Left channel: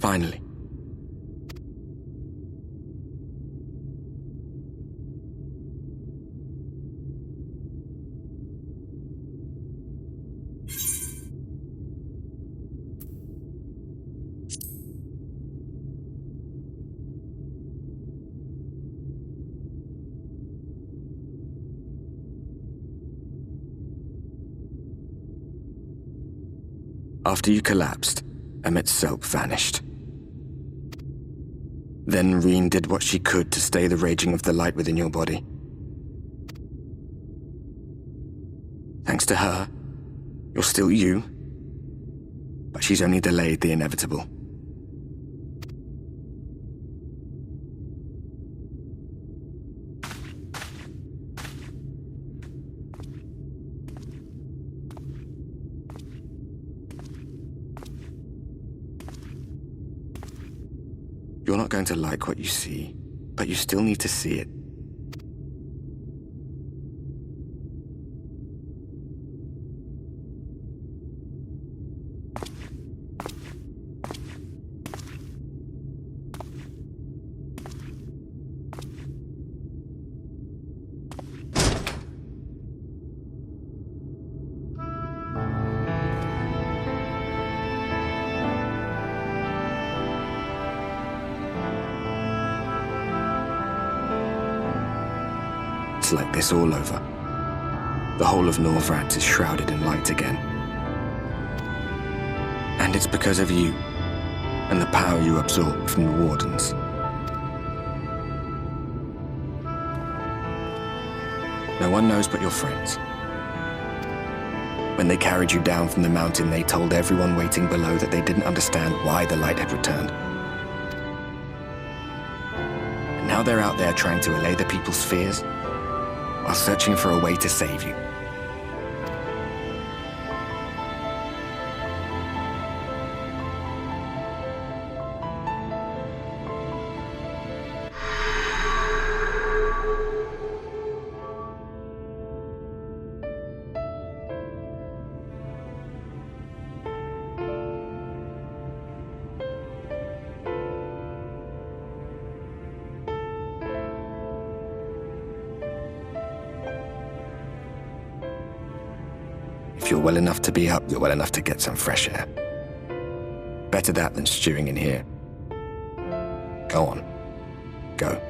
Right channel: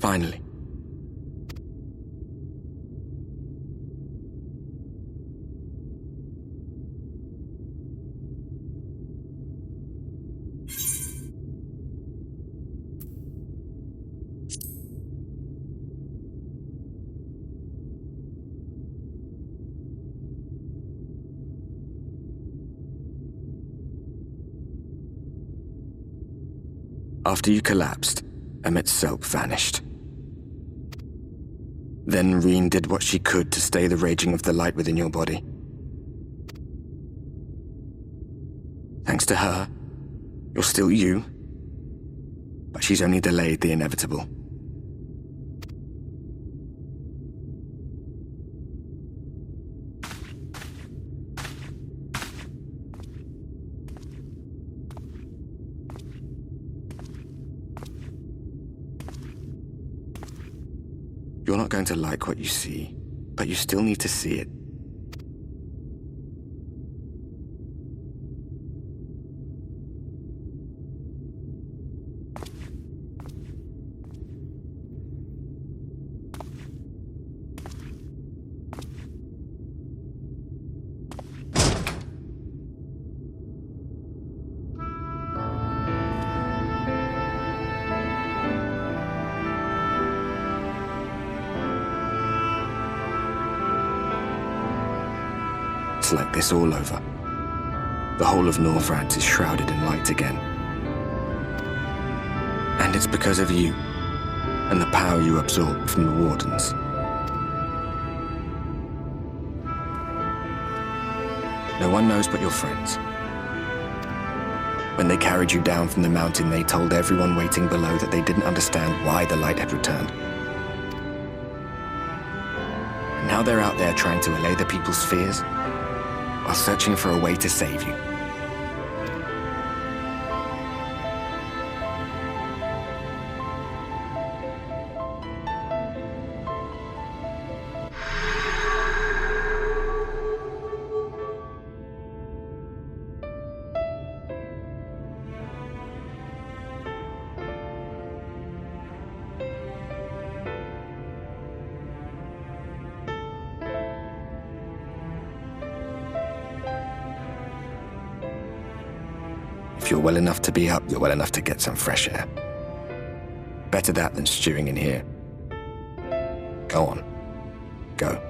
Finally. After you collapsed, Emmett's self vanished. Then Reen did what she could to stay the raging of the light within your body. Thanks to her, you're still you, but she's only delayed the inevitable. You're not going to like what you see, but you still need to see it. It's like this all over. The whole of Norvrad is shrouded in light again. And it's because of you, and the power you absorbed from the Wardens. No one knows but your friends. When they carried you down from the mountain, they told everyone waiting below that they didn't understand why the light had returned. And now they're out there trying to allay the people's fears, while searching for a way to save you. If you're well enough to be up, you're well enough to get some fresh air. Better that than stewing in here. Go on. Go.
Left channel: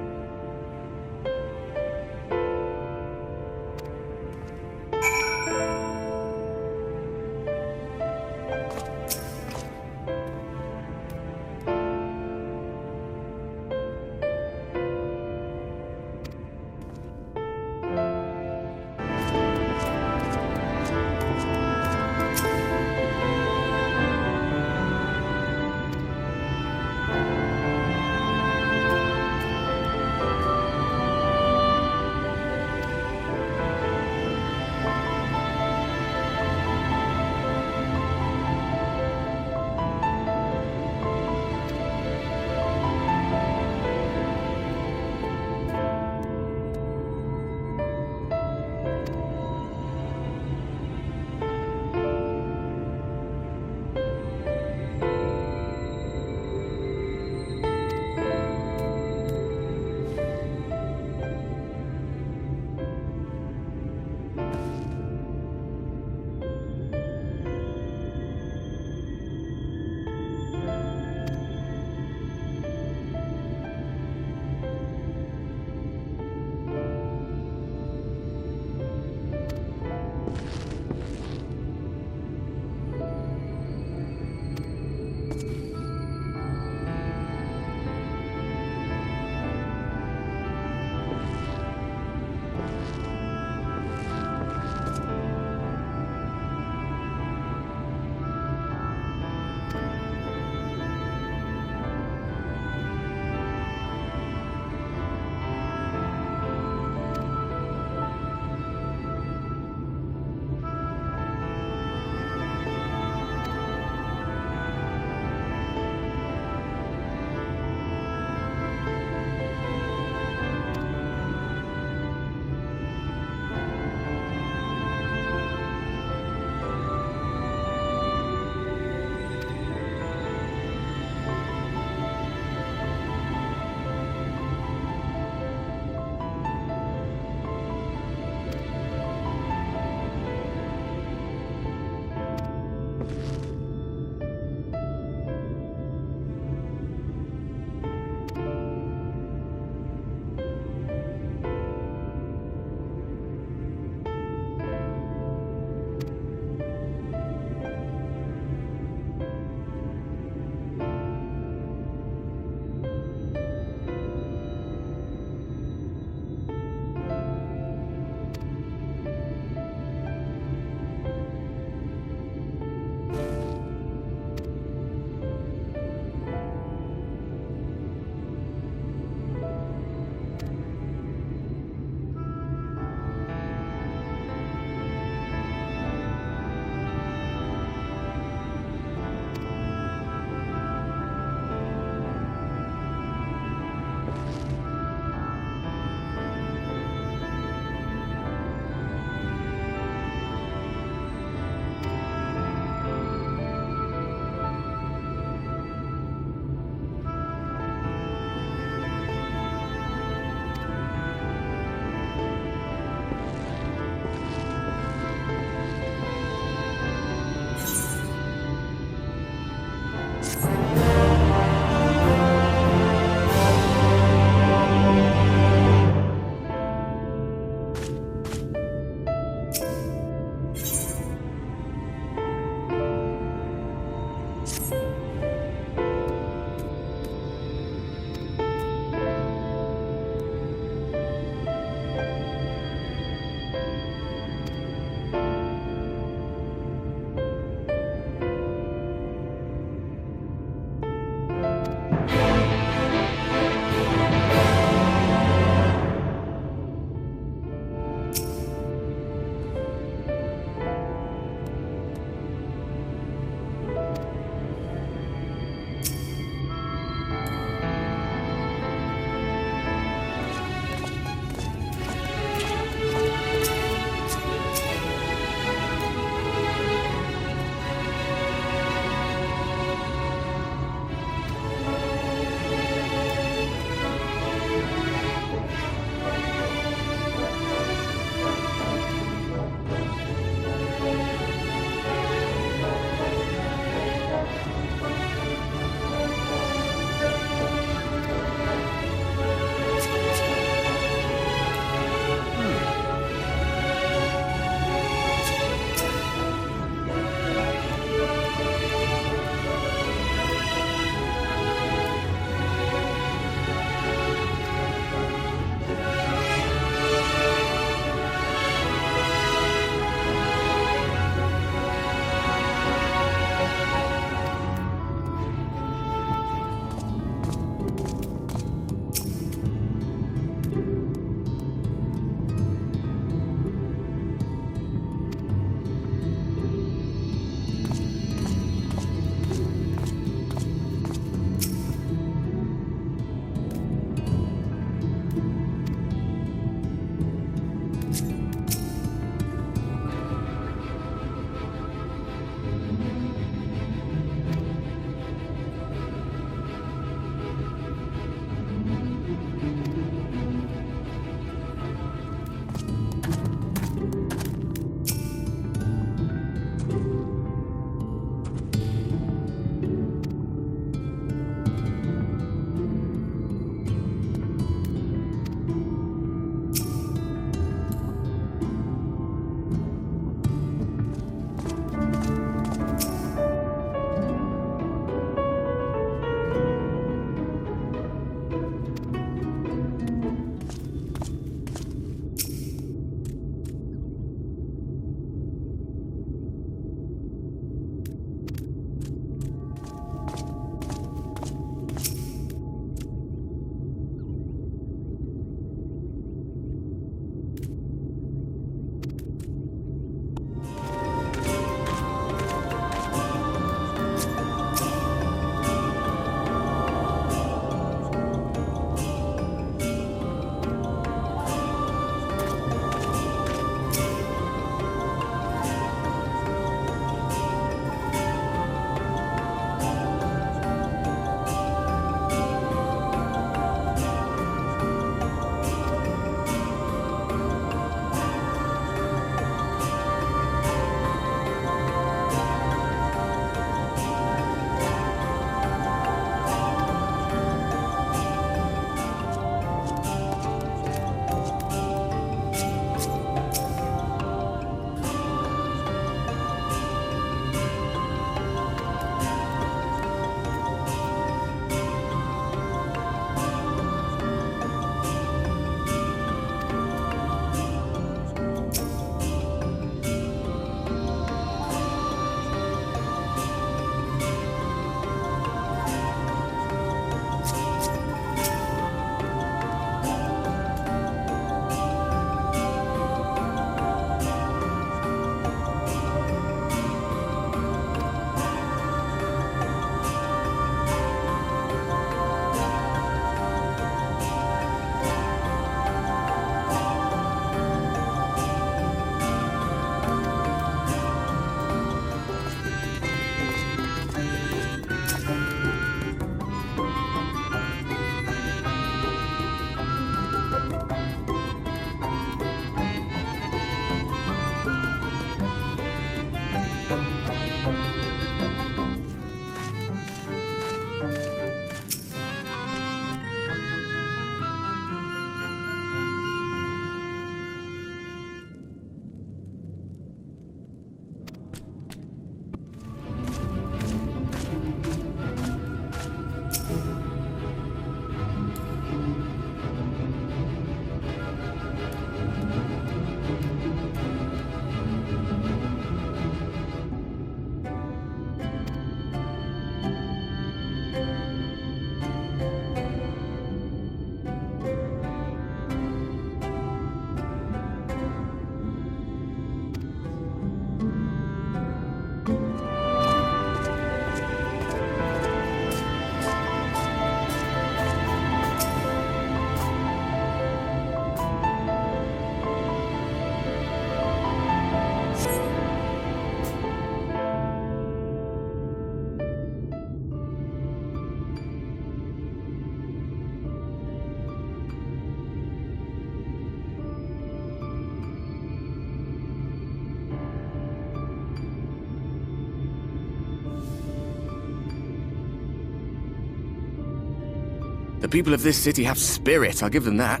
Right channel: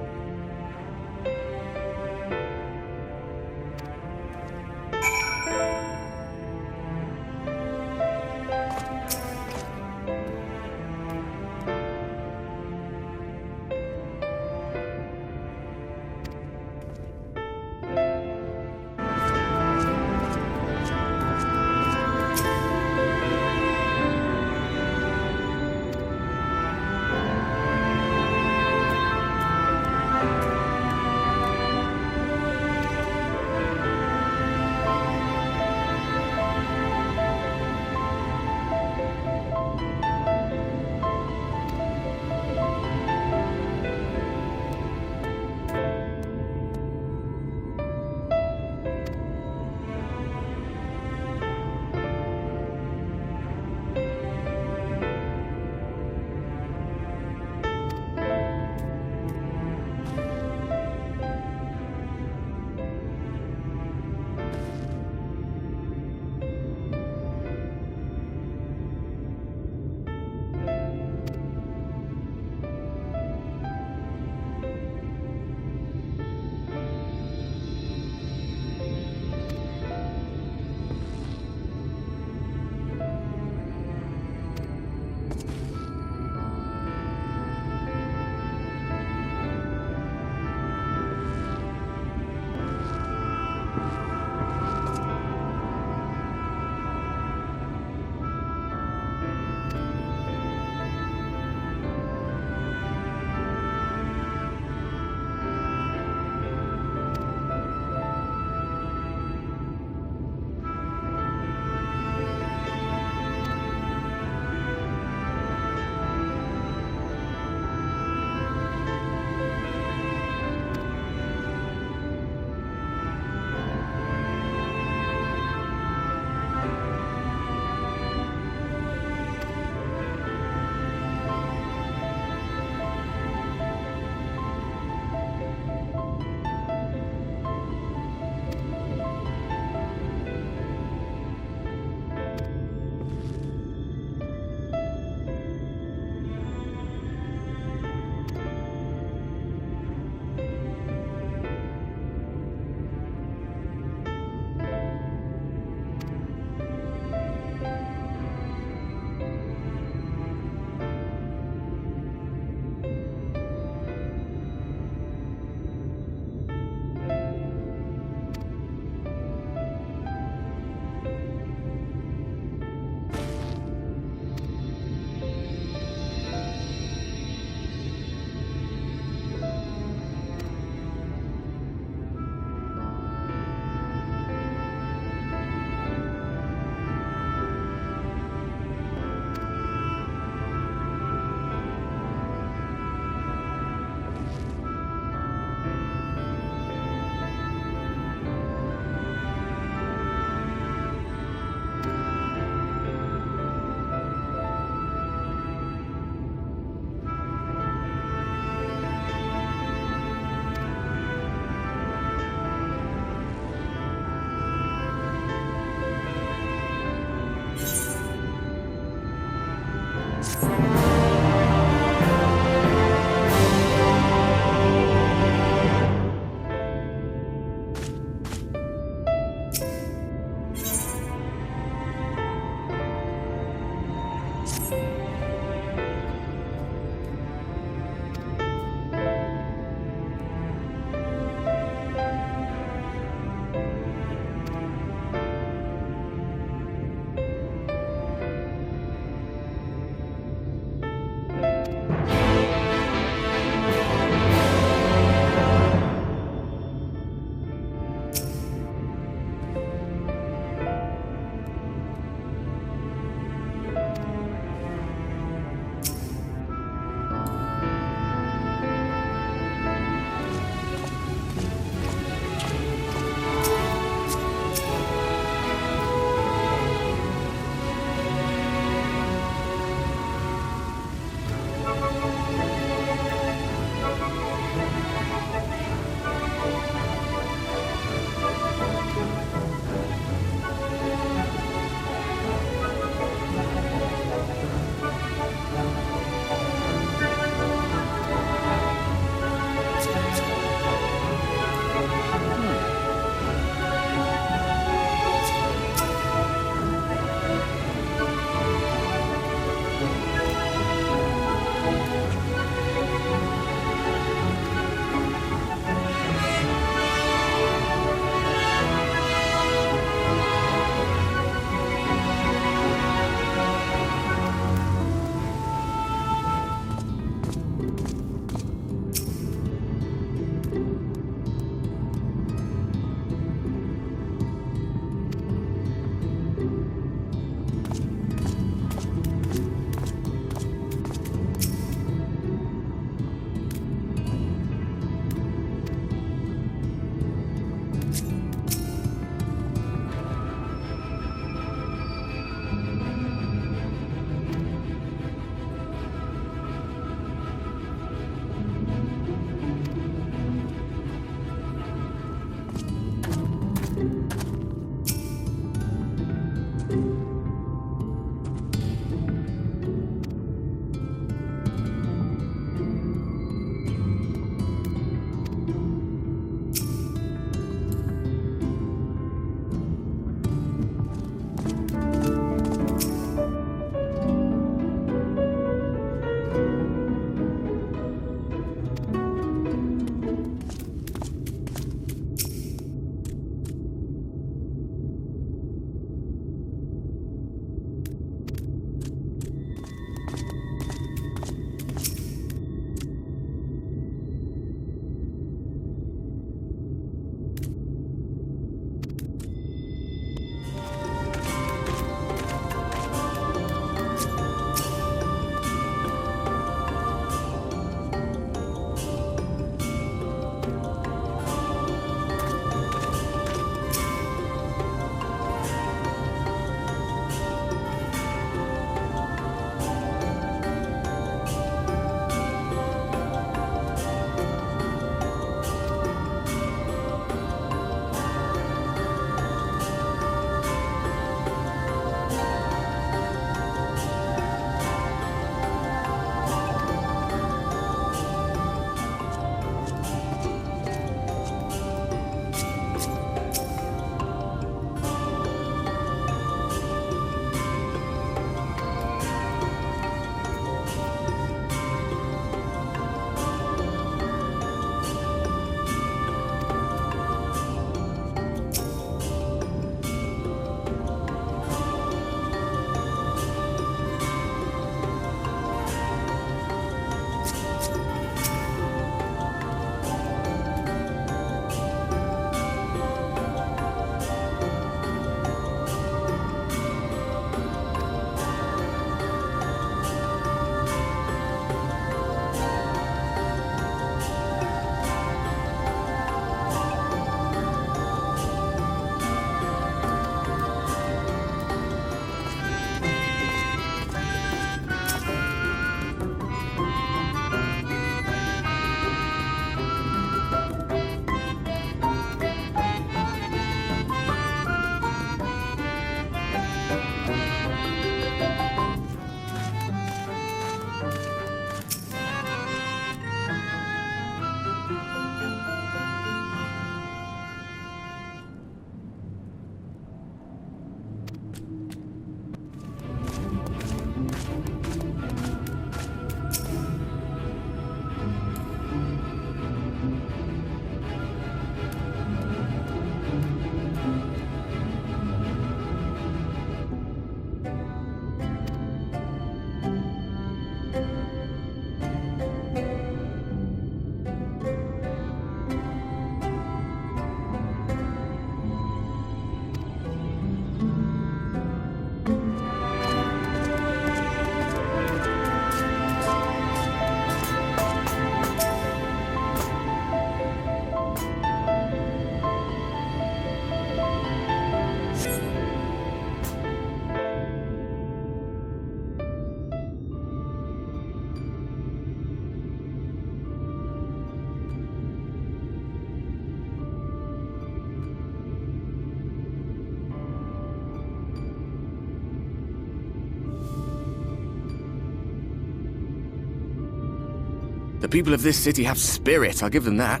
The people of this city have spirit, I'll give them that.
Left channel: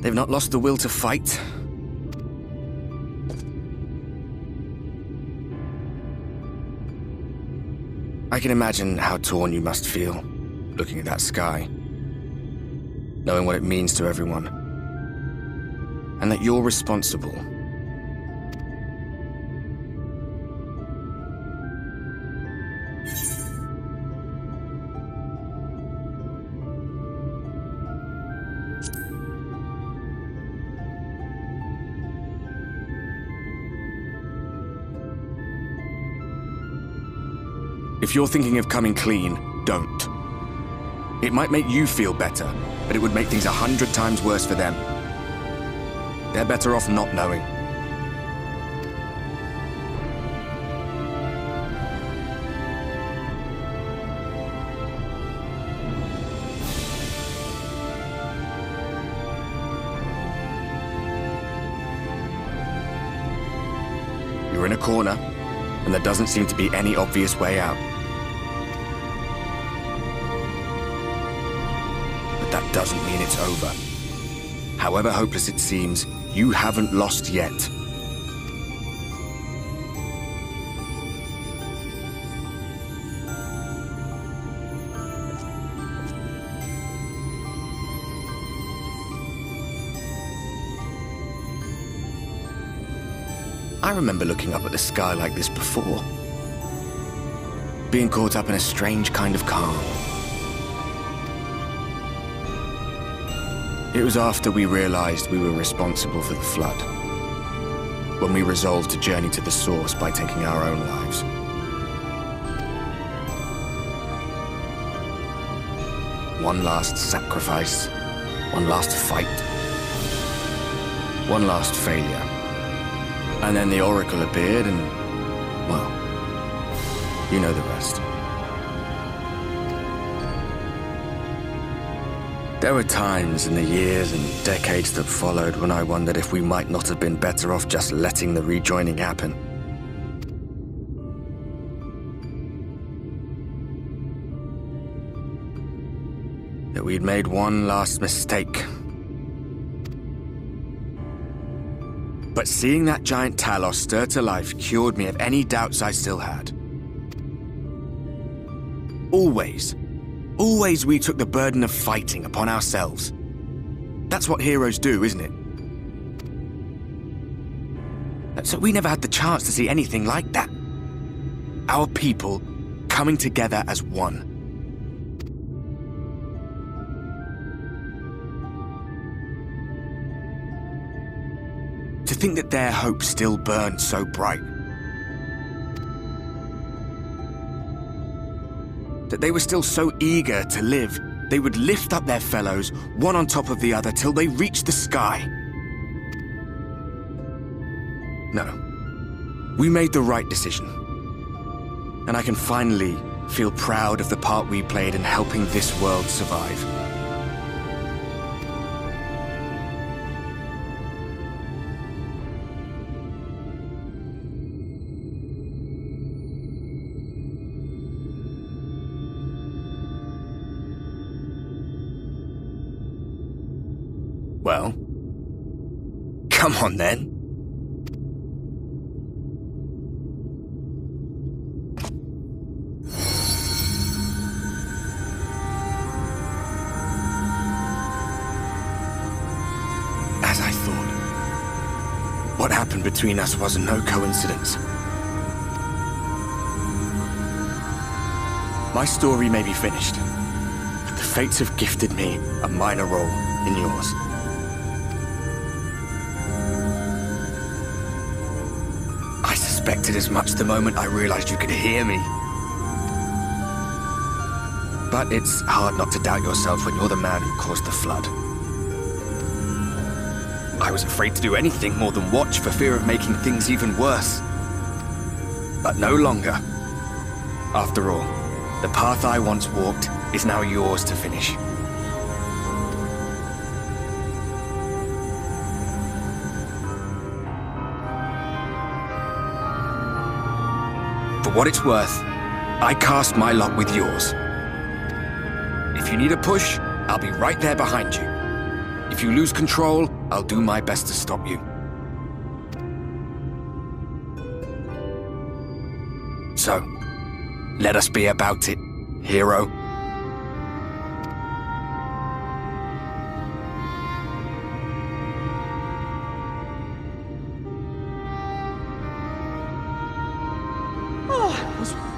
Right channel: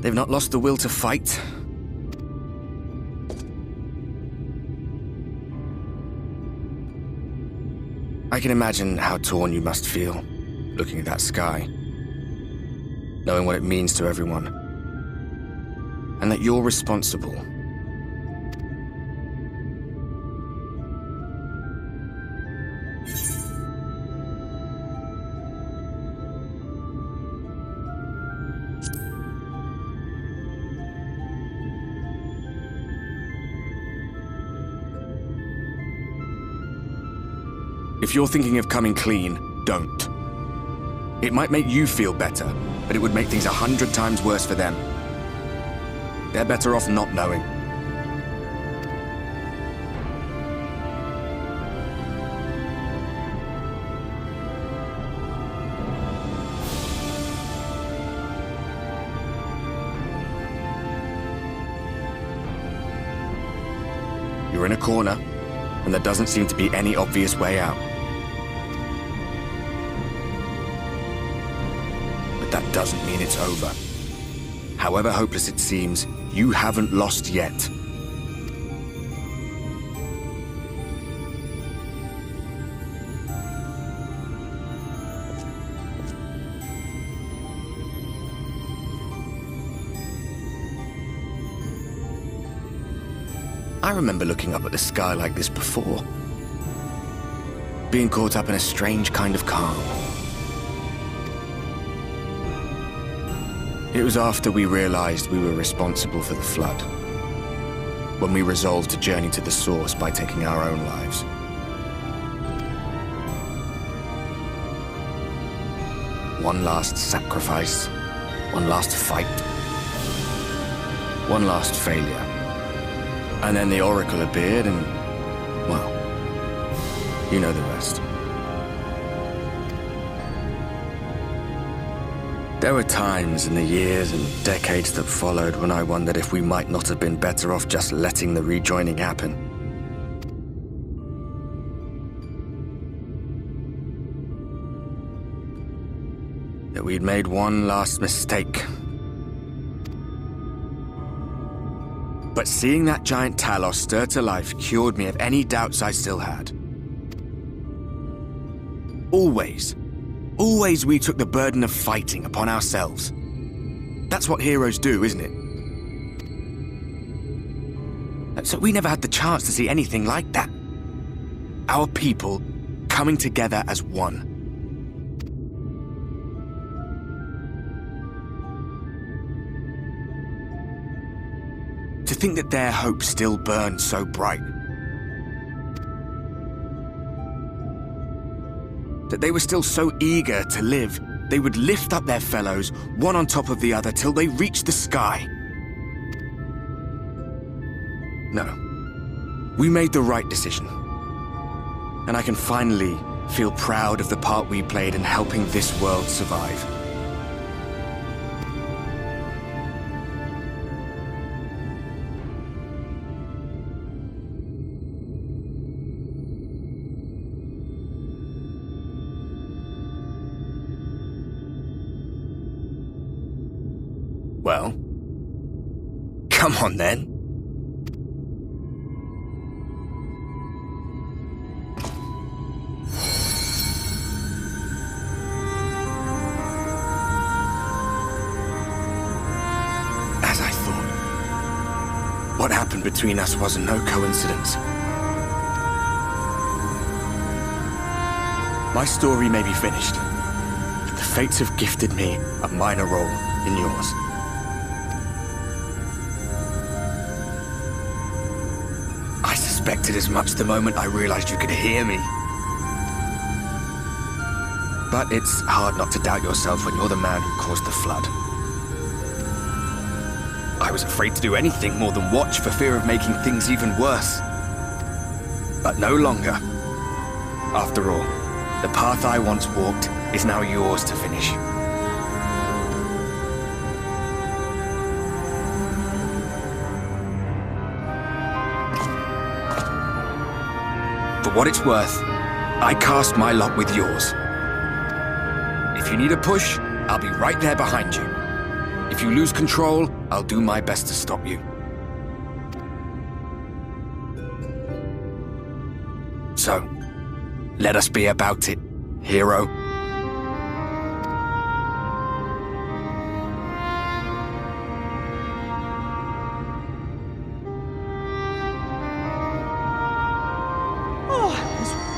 They've not lost the will to fight. I can imagine how torn you must feel, looking at that sky, knowing what it means to everyone, and that you're responsible. If you're thinking of coming clean, don't. It might make you feel better, but it would make things 100 times worse for them. They're better off not knowing. You're in a corner, and there doesn't seem to be any obvious way out. That doesn't mean it's over. However hopeless it seems, you haven't lost yet. I remember looking up at the sky like this before. Being caught up in a strange kind of calm. It was after we realized we were responsible for the flood, when we resolved to journey to the source by taking our own lives. One last sacrifice, one last fight, one last failure. And then the Oracle appeared and, well, you know the rest. There were times in the years and decades that followed when I wondered if we might not have been better off just letting the rejoining happen. That we'd made one last mistake. But seeing that giant Talos stir to life cured me of any doubts I still had. Always we took the burden of fighting upon ourselves. That's what heroes do, isn't it? So we never had the chance to see anything like that. Our people coming together as one. To think that their hope still burned so bright. That they were still so eager to live, they would lift up their fellows, one on top of the other, till they reached the sky. No. We made the right decision. And I can finally feel proud of the part we played in helping this world survive. Well, come on then. As I thought, what happened between us was no coincidence. My story may be finished, but the fates have gifted me a minor role in yours. I suspected as much the moment I realized you could hear me. But it's hard not to doubt yourself when you're the man who caused the flood. I was afraid to do anything more than watch for fear of making things even worse. But no longer. After all, the path I once walked is now yours to finish. For what it's worth, I cast my lot with yours. If you need a push, I'll be right there behind you. If you lose control, I'll do my best to stop you. So, let us be about it, hero.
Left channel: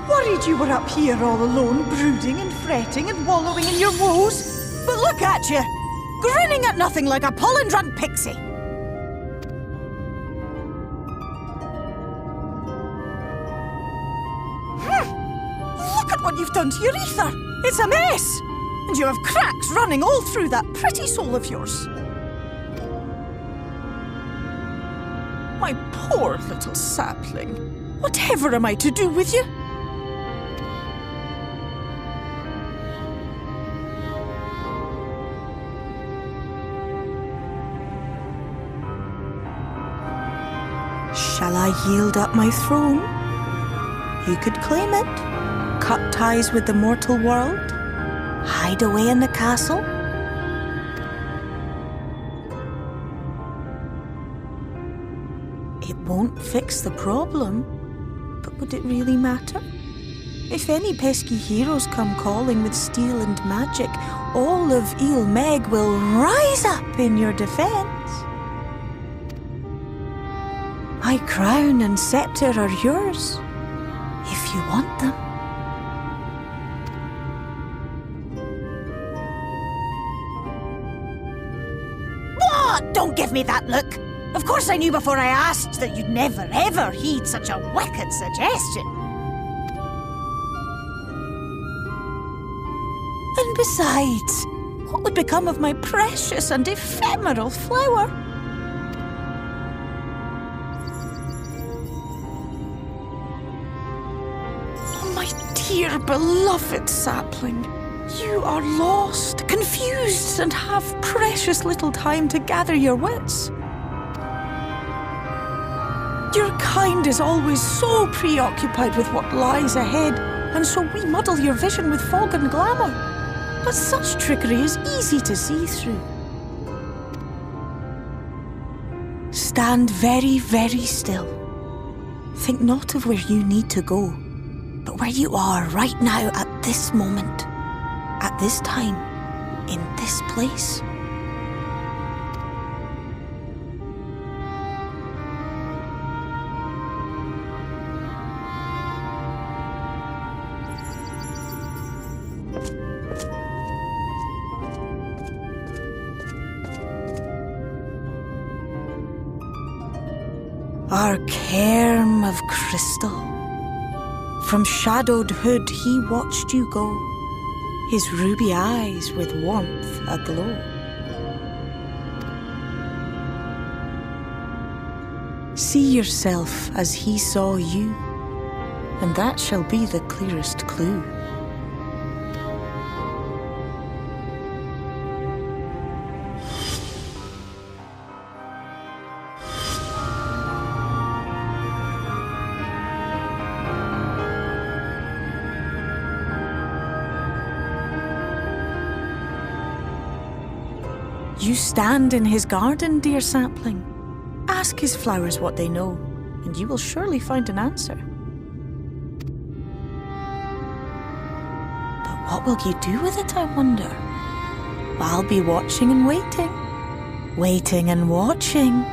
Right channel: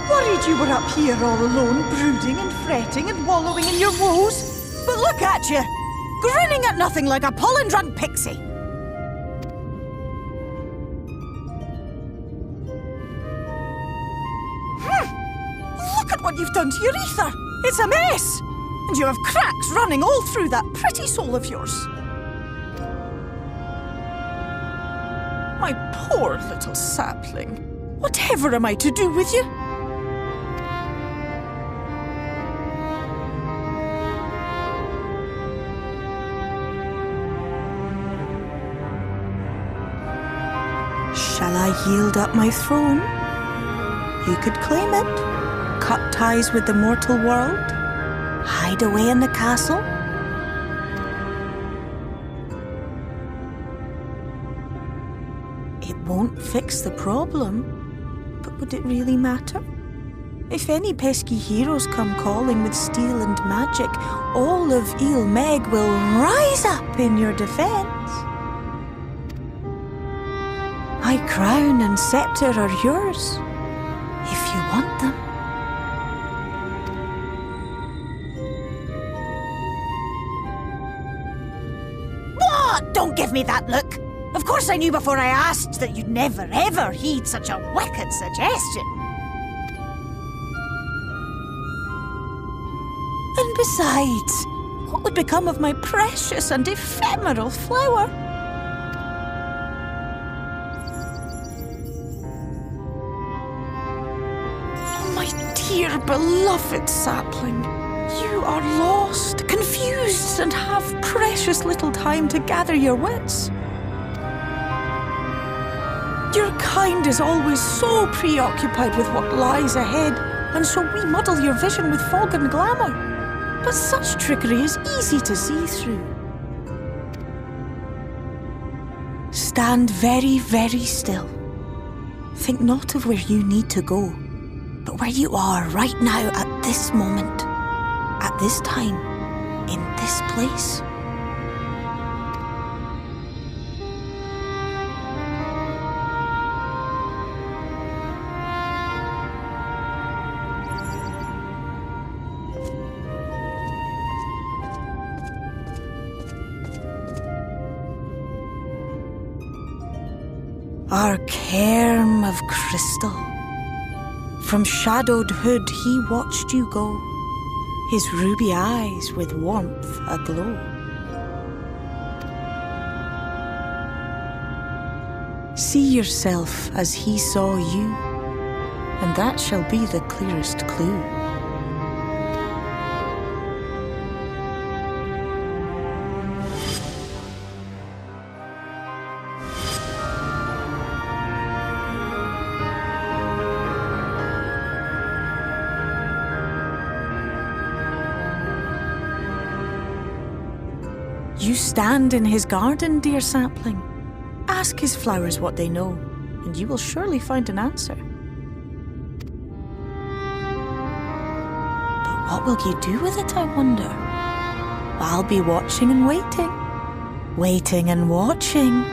Worried you were up here all alone, brooding and fretting and wallowing in your woes. But look at you, grinning at nothing like a pollen-drunk pixie. Look at what you've done to your ether. It's a mess. And you have cracks running all through that pretty soul of yours. My poor little sapling. Whatever am I to do with you? Shall I yield up my throne? You could claim it, cut ties with the mortal world, hide away in the castle. It won't fix the problem, but would it really matter? If any pesky heroes come calling with steel and magic, all of Ilmeg will rise up in your defense. My crown and scepter are yours, if you want them. What? Don't give me that look! Of course I knew before I asked that you'd never ever heed such a wicked suggestion. And besides, what would become of my precious and ephemeral flower? Dear beloved sapling, you are lost, confused, and have precious little time to gather your wits. Your kind is always so preoccupied with what lies ahead, and so we muddle your vision with fog and glamour. But such trickery is easy to see through. Stand very, very still. Think not of where you need to go, but where you are right now at this moment, at this time, in this place. Our cairn of crystal. From shadowed hood he watched you go, his ruby eyes with warmth aglow. See yourself as he saw you, and that shall be the clearest clue. You stand in his garden, dear sapling. Ask his flowers what they know, and you will surely find an answer. But what will you do with it, I wonder? I'll be watching and waiting. Waiting and watching.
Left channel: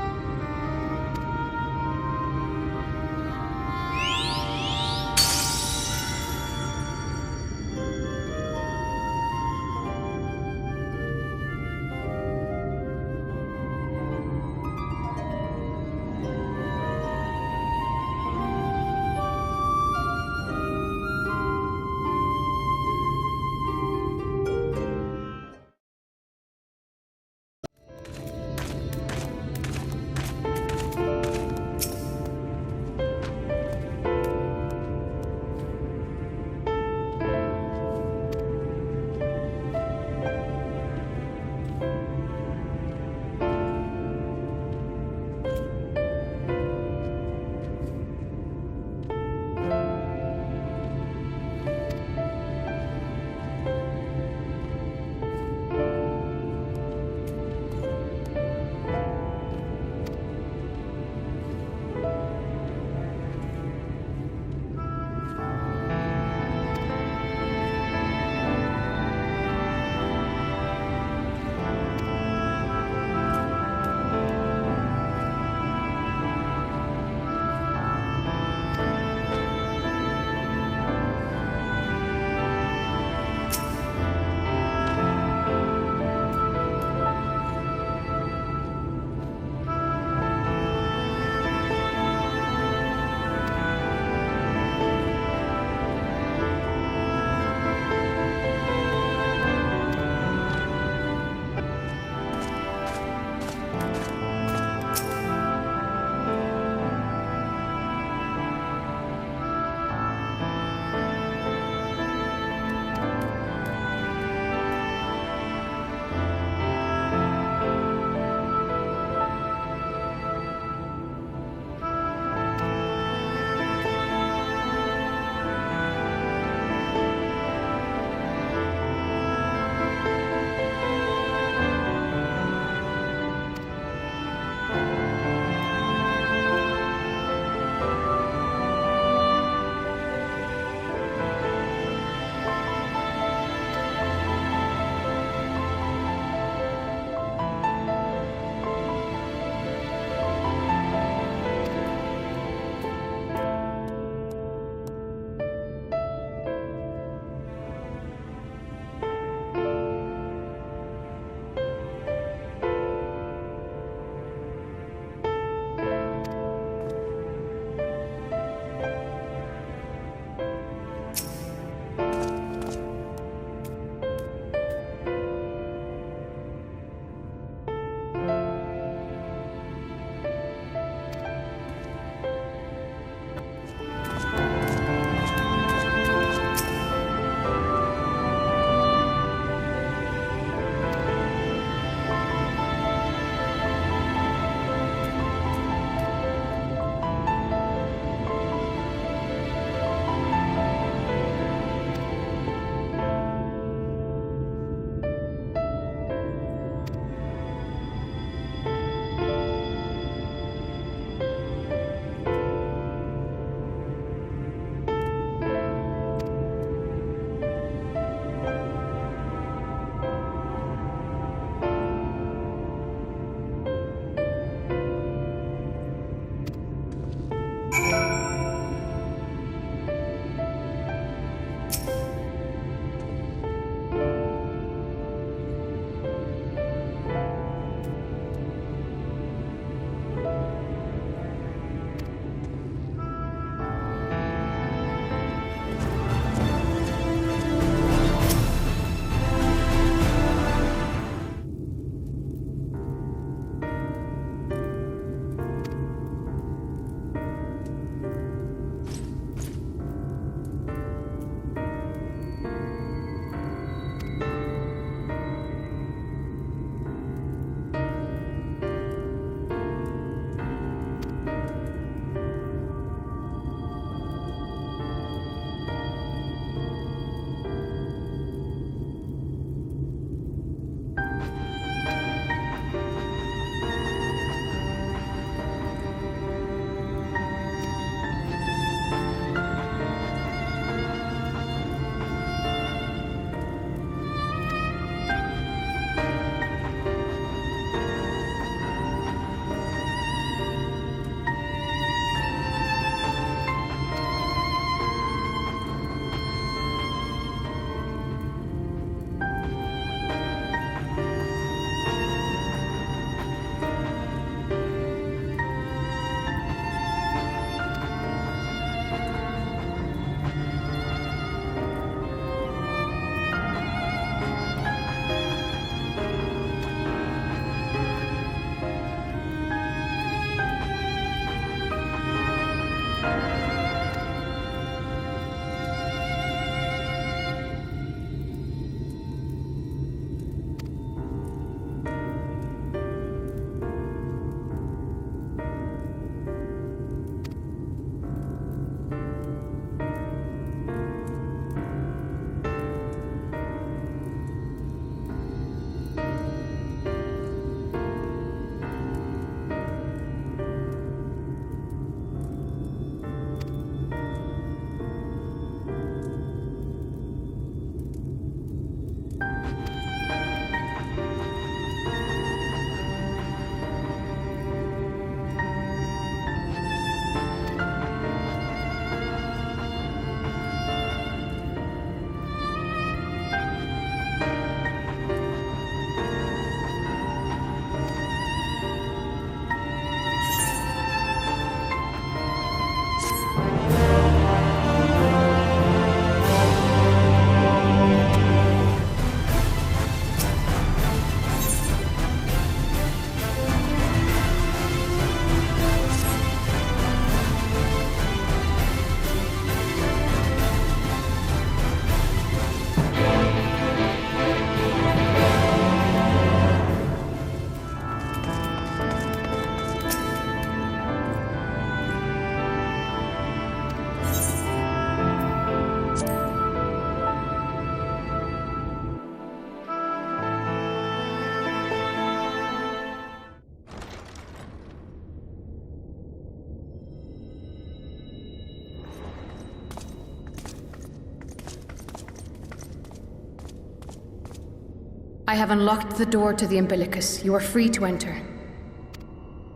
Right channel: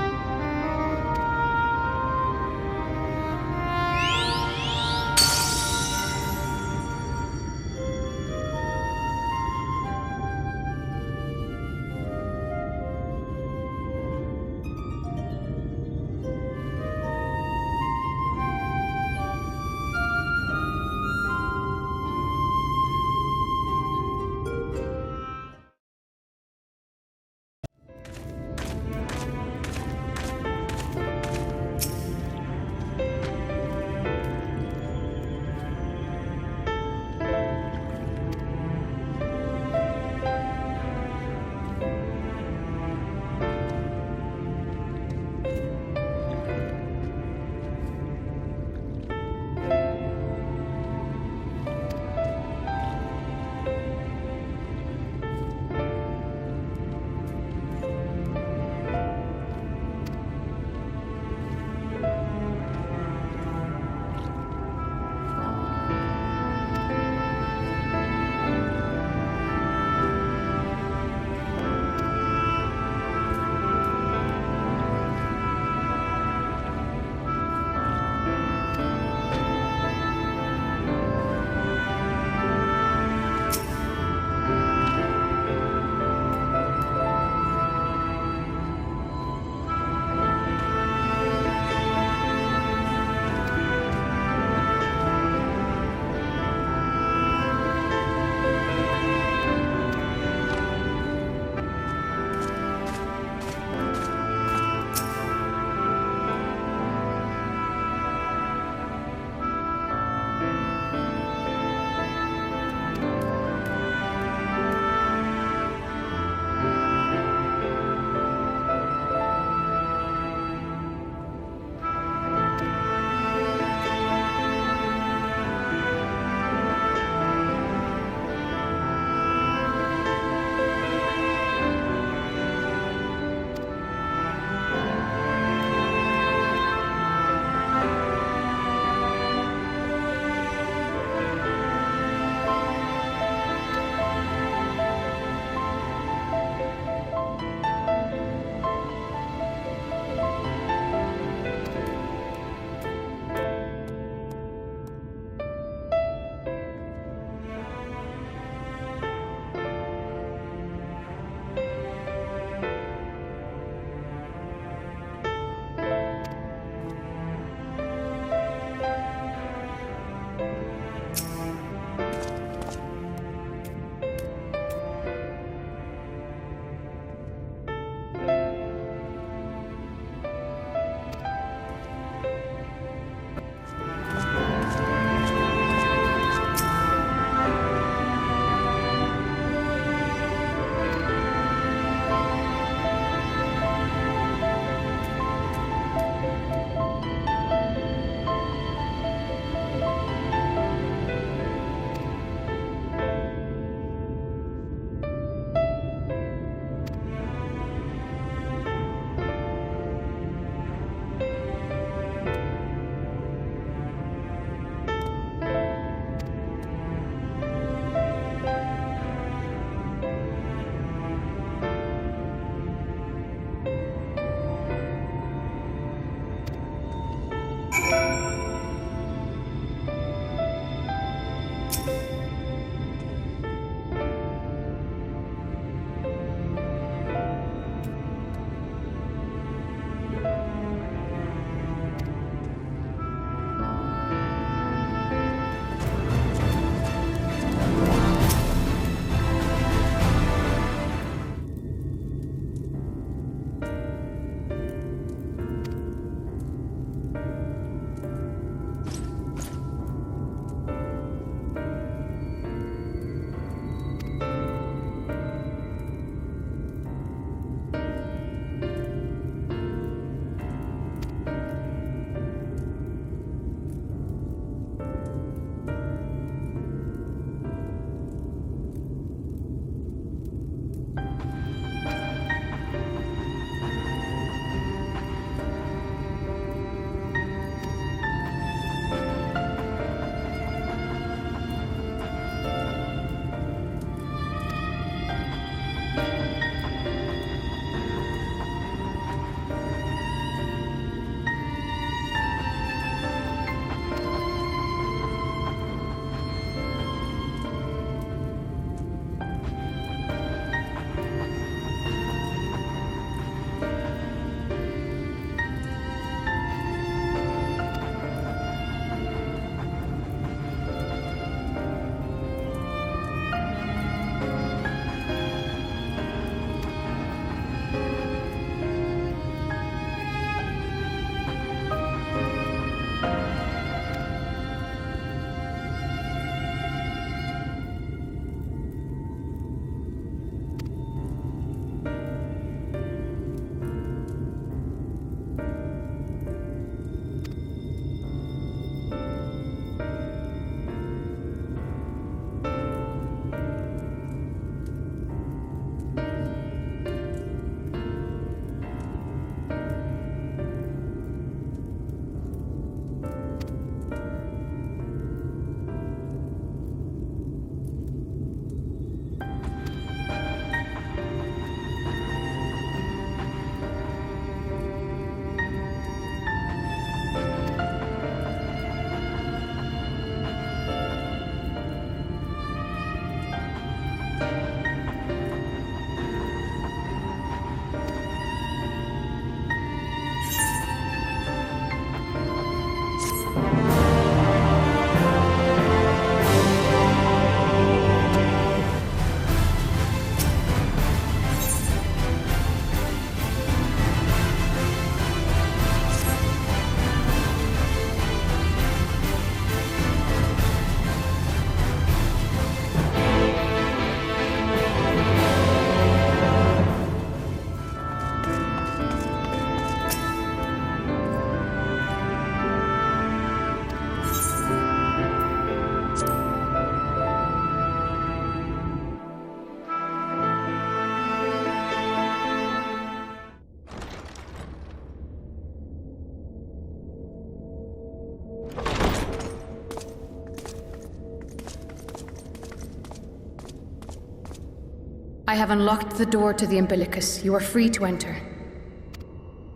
I have unlocked the door to the umbilicus. You are free to enter.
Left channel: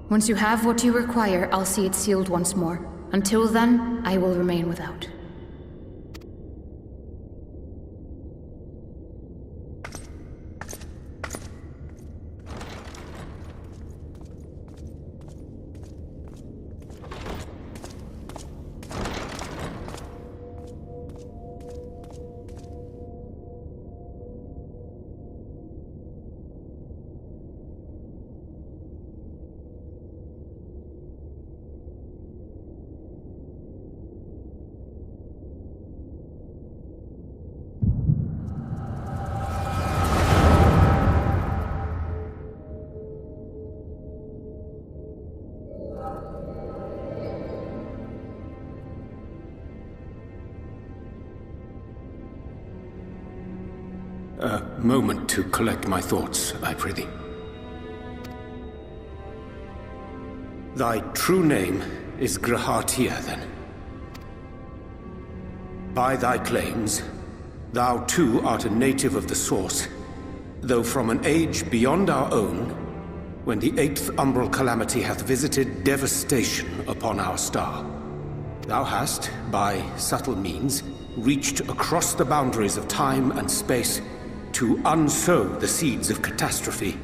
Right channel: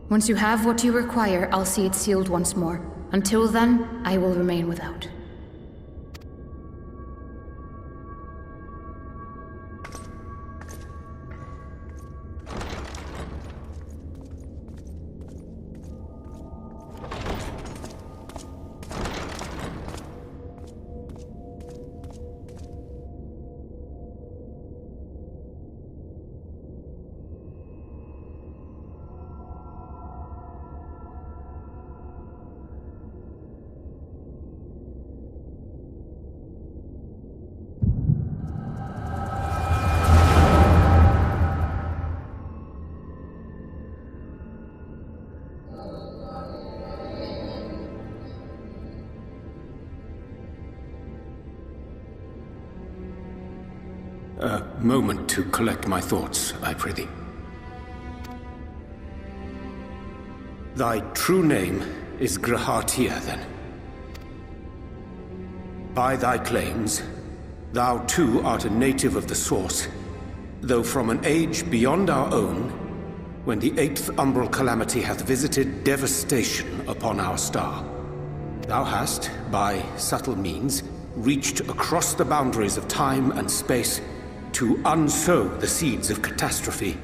Once you have what you require, I'll see it sealed once more. Until then, I will remain without. A moment to collect my thoughts, I prithee. Thy true name is Grahatia, then. By thy claims, thou too art a native of the Source, though from an age beyond our own, when the 8th umbral calamity hath visited devastation upon our star. Thou hast, by subtle means, reached across the boundaries of time and space to unsow the seeds of catastrophe,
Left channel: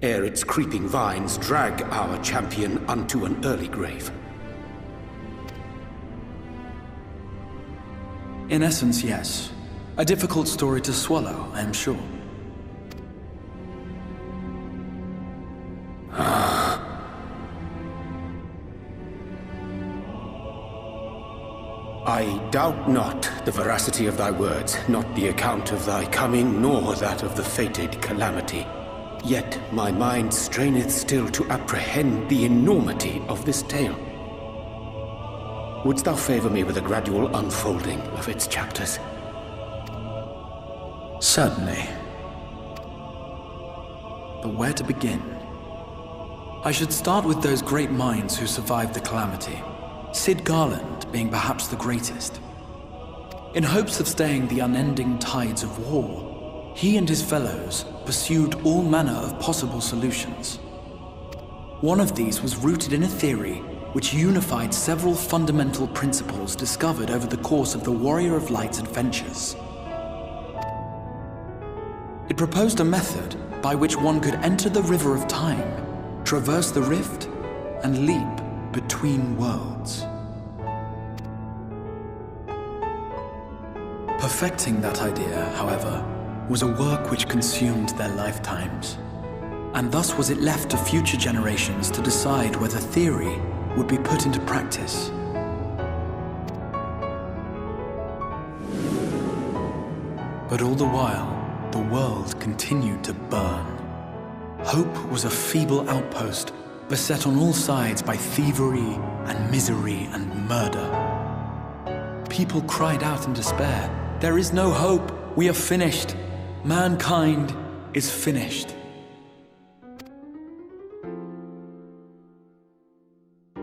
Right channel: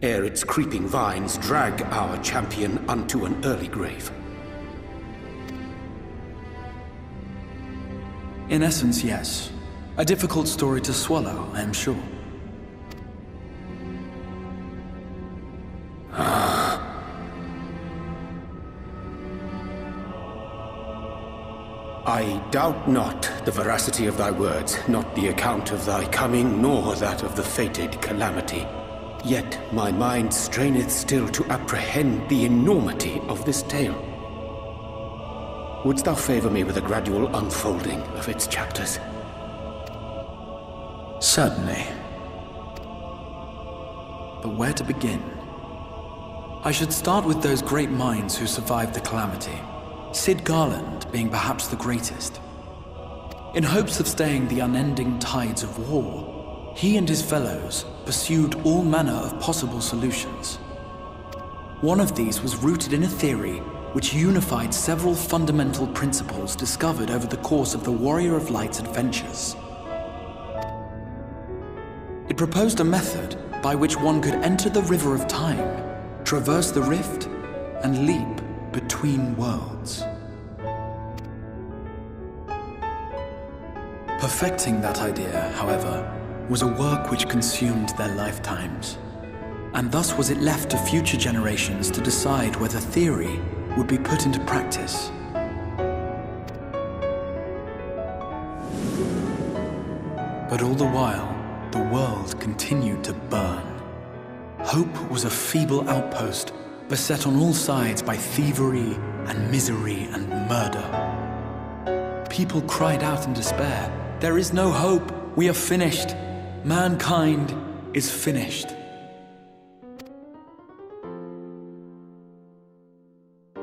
ere its creeping vines drag our champion unto an early grave. In essence, yes. A difficult story to swallow, I am sure. I doubt not the veracity of thy words, not the account of thy coming, nor that of the fated calamity. Yet my mind straineth still to apprehend the enormity of this tale. Wouldst thou favor me with a gradual unfolding of its chapters? Certainly. But where to begin? I should start with those great minds who survived the calamity. Sid Garland being perhaps the greatest. In hopes of staying the unending tides of war, he and his fellows pursued all manner of possible solutions. One of these was rooted in a theory which unified several fundamental principles discovered over the course of the Warrior of Light's adventures. It proposed a method by which one could enter the River of Time, traverse the rift, and leap between worlds. Perfecting that idea, however, was a work which consumed their lifetimes, and thus was it left to future generations to decide whether theory would be put into practice. But all the while, the world continued to burn. Hope was a feeble outpost, beset on all sides by thievery and misery and murder. People cried out in despair, "There is no hope, we are finished. Mankind is finished."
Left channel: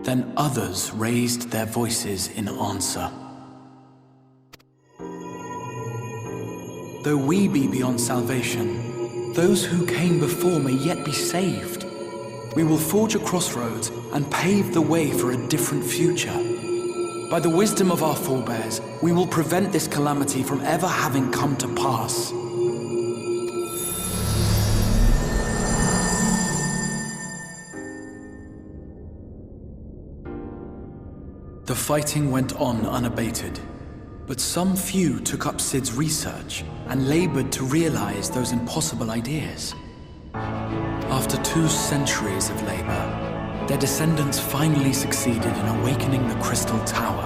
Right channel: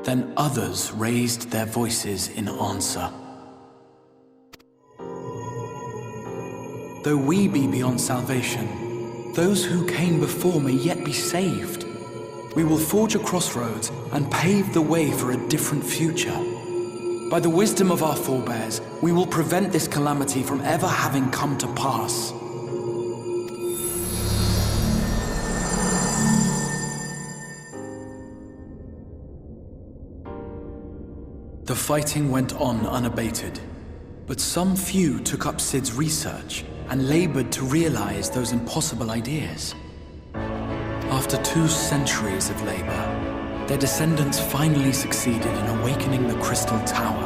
Then others raised their voices in answer. Though we be beyond salvation, those who came before may yet be saved. We will forge a crossroads and pave the way for a different future. By the wisdom of our forebears, we will prevent this calamity from ever having come to pass. The fighting went on unabated, but some few took up Sid's research and labored to realize those impossible ideas. After 2 centuries of labor, their descendants finally succeeded in awakening the Crystal Tower,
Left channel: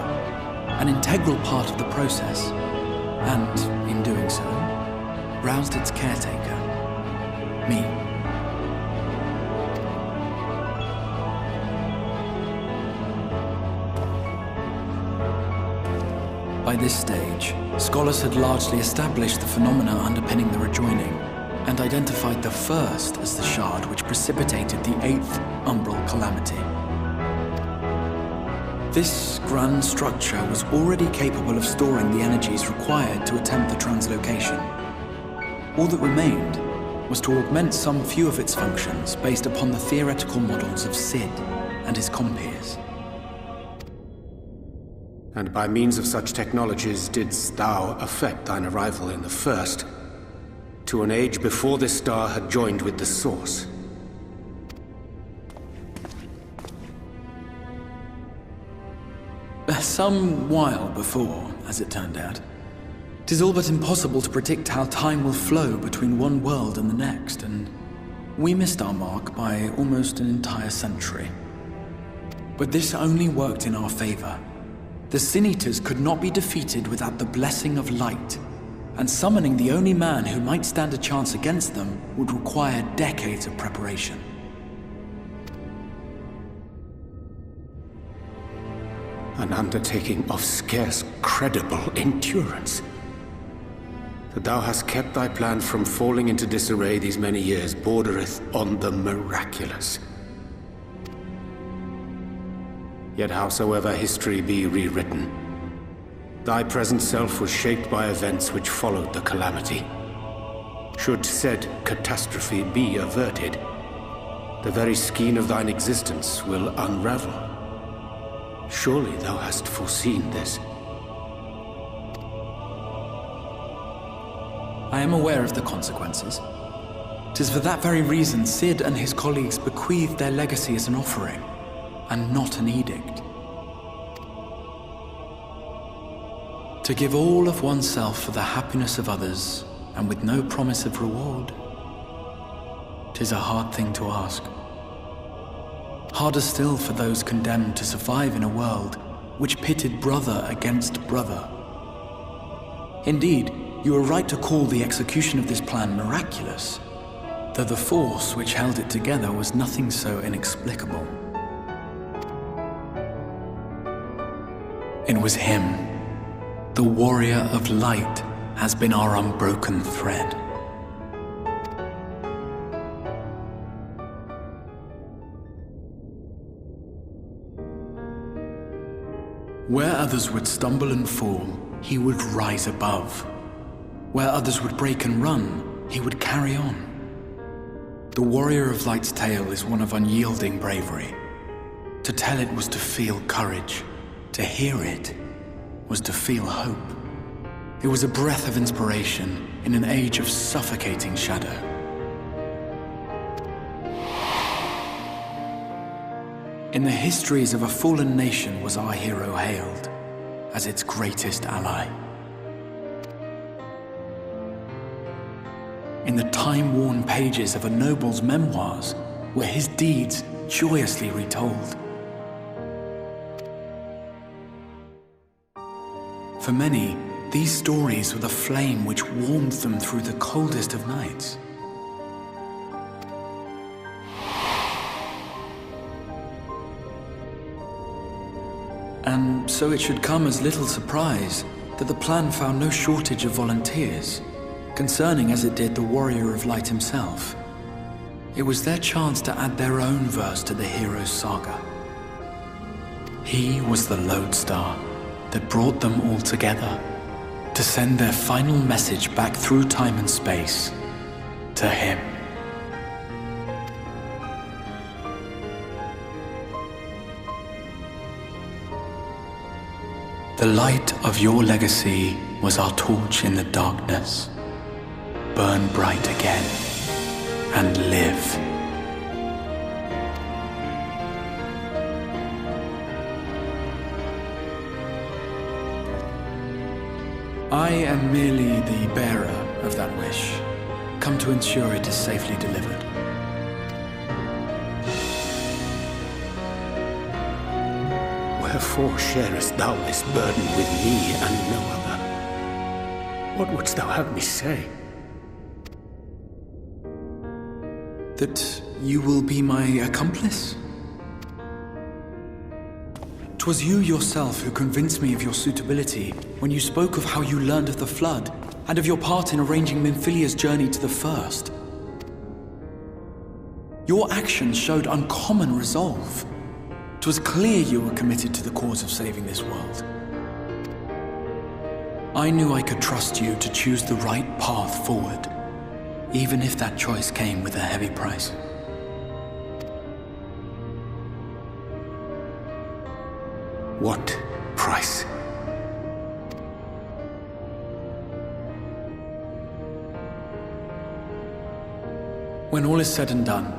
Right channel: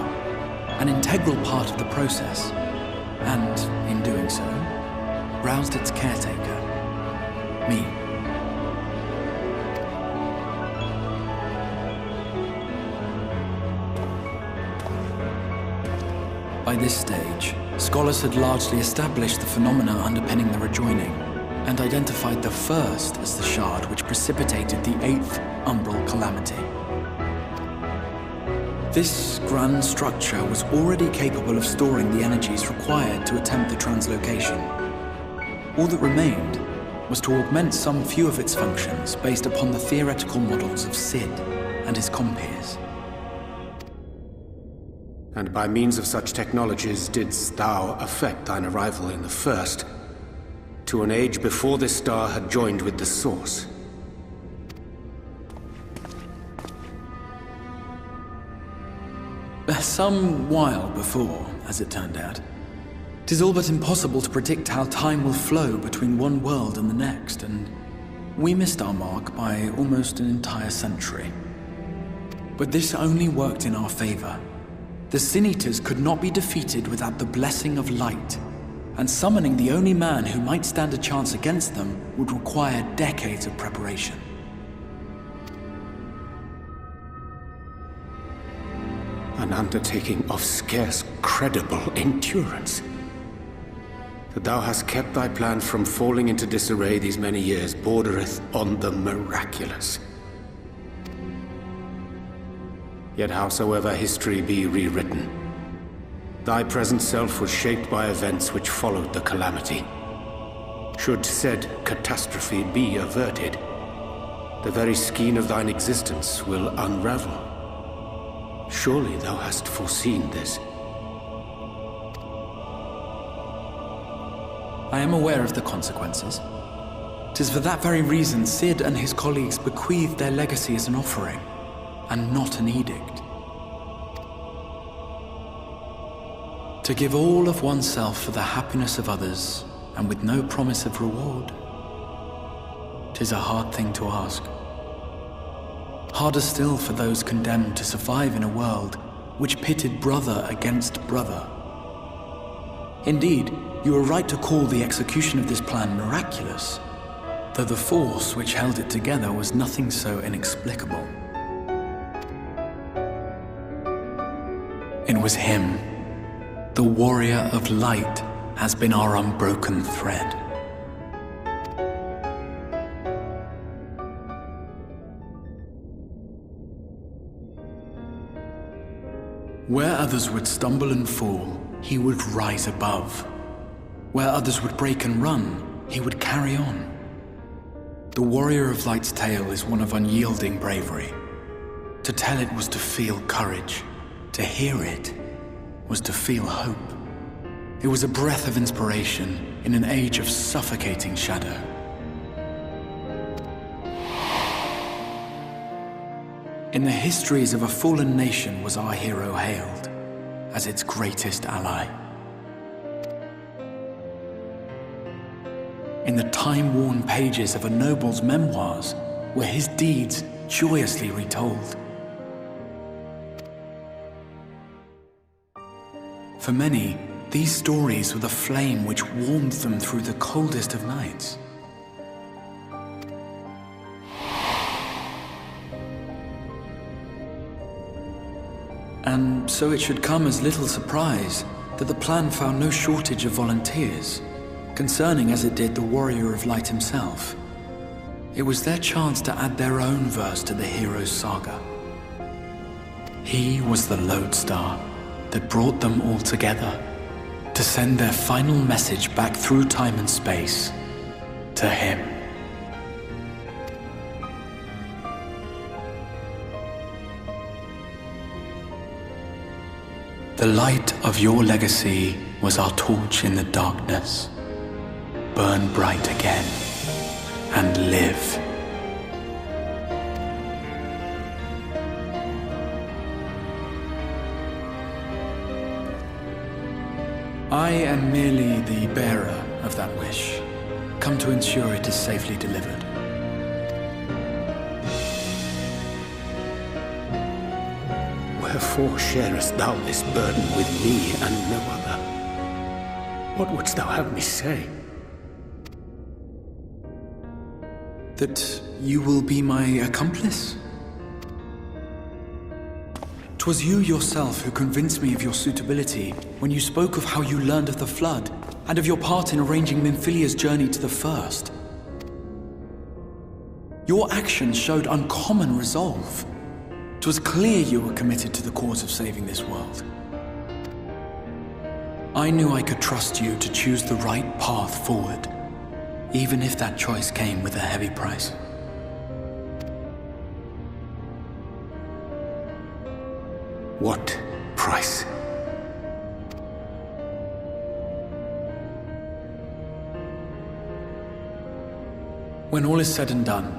an integral part of the process, and, in doing so, roused its caretaker, me. By this stage, scholars had largely established the phenomena underpinning the rejoining, and identified the first as the shard which precipitated the 8th umbral calamity. This grand structure was already capable of storing the energies required to attempt the translocation. All that remained was to augment some few of its functions based upon the theoretical models of Sid and his compeers. And by means of such technologies didst thou effect thine arrival in the first, to an age before this star had joined with the Source. Some while before, as it turned out. 'Tis all but impossible to predict how time will flow between one world and the next, and we missed our mark by almost an entire century. But this only worked in our favor. The Sin Eaters could not be defeated without the blessing of light, and summoning the only man who might stand a chance against them would require decades of preparation. An undertaking of scarce credible endurance. That thou hast kept thy plan from falling into disarray these many years bordereth on the miraculous. Yet howsoever history be rewritten, thy present self was shaped by events which followed the calamity. Should said catastrophe be averted, the very skein of thine existence will unravel. Surely thou hast foreseen this. I am aware of the consequences. 'Tis for that very reason Sid and his colleagues bequeathed their legacy as an offering, and not an edict. To give all of oneself for the happiness of others, and with no promise of reward. 'Tis a hard thing to ask. Harder still for those condemned to survive in a world which pitted brother against brother. Indeed, you are right to call the execution of this plan miraculous, though the force which held it together was nothing so inexplicable. It was him. The warrior of light has been our unbroken thread. Where others would stumble and fall, he would rise above. Where others would break and run, he would carry on. The warrior of light's tale is one of unyielding bravery. To tell it was to feel courage. To hear it was to feel hope. It was a breath of inspiration in an age of suffocating shadow. In the histories of a fallen nation was our hero hailed as its greatest ally. In the time-worn pages of a noble's memoirs were his deeds joyously retold. For many, these stories were the flame which warmed them through the coldest of nights. And so it should come as little surprise that the plan found no shortage of volunteers, concerning as it did the warrior of light himself. It was their chance to add their own verse to the hero's saga. He was the lodestar that brought them all together, to send their final message back through time and space to him. The light of your legacy was our torch in the darkness. Burn bright again and live. I am merely the bearer of that wish, come to ensure it is safely delivered. Wherefore sharest thou this burden with me and no other? What wouldst thou have me say? That you will be my accomplice? 'Twas you yourself who convinced me of your suitability when you spoke of how you learned of the Flood and of your part in arranging Minfilia's journey to the First. Your actions showed uncommon resolve. 'Twas clear you were committed to the cause of saving this world. I knew I could trust you to choose the right path forward, even if that choice came with a heavy price. What price? When all is said and done,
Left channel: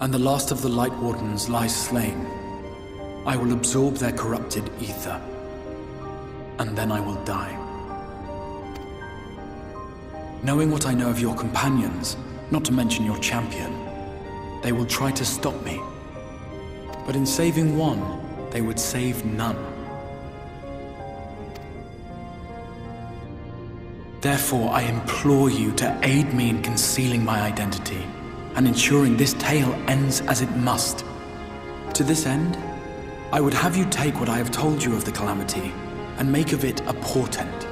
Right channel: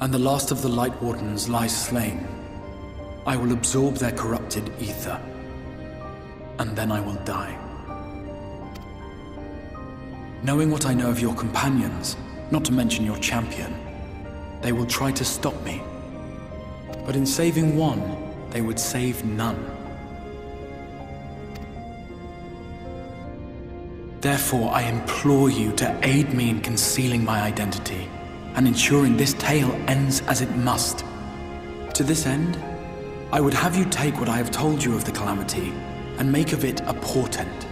and the last of the Light Wardens lies slain, I will absorb their corrupted ether, and then I will die. Knowing what I know of your companions, not to mention your champion, they will try to stop me. But in saving one, they would save none. Therefore, I implore you to aid me in concealing my identity, and ensuring this tale ends as it must. To this end, I would have you take what I have told you of the Calamity, and make of it a portent.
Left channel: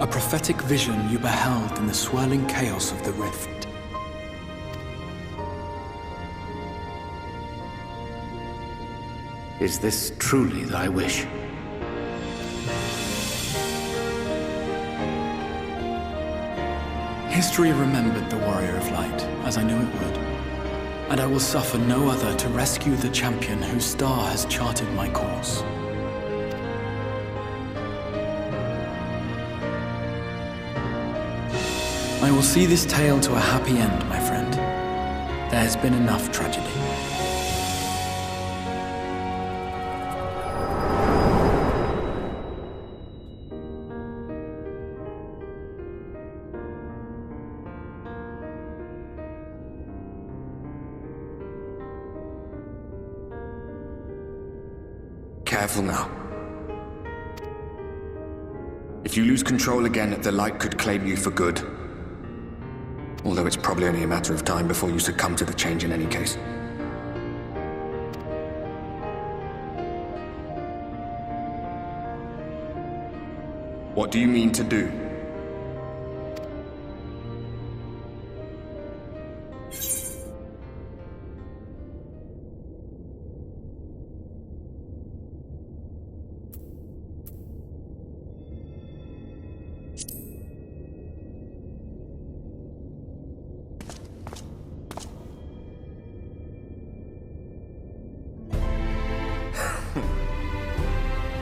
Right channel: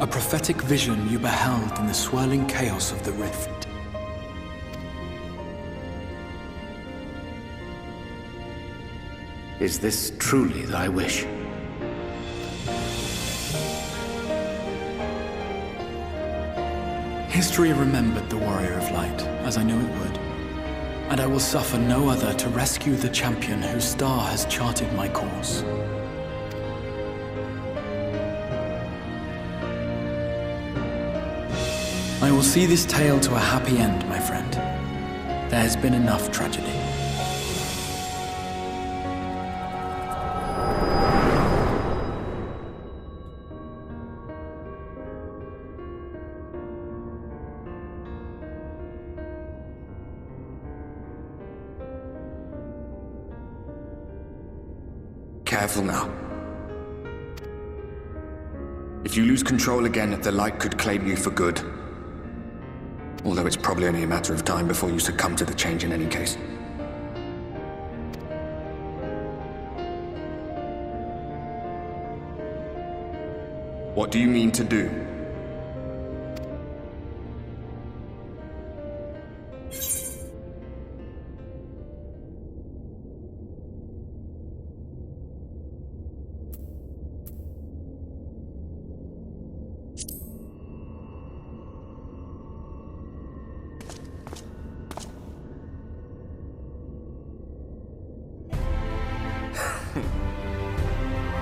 A prophetic vision you beheld in the swirling chaos of the rift. Is this truly thy wish? History remembered the Warrior of Light, as I knew it would. And I will suffer no other to rescue the champion whose star has charted my course. I will see this tale to a happy end, my friend. There has been enough tragedy. Careful now. If you lose control again, the Light could claim you for good. Although it's probably only a matter of time before you succumb to the change in any case. What do you mean to do?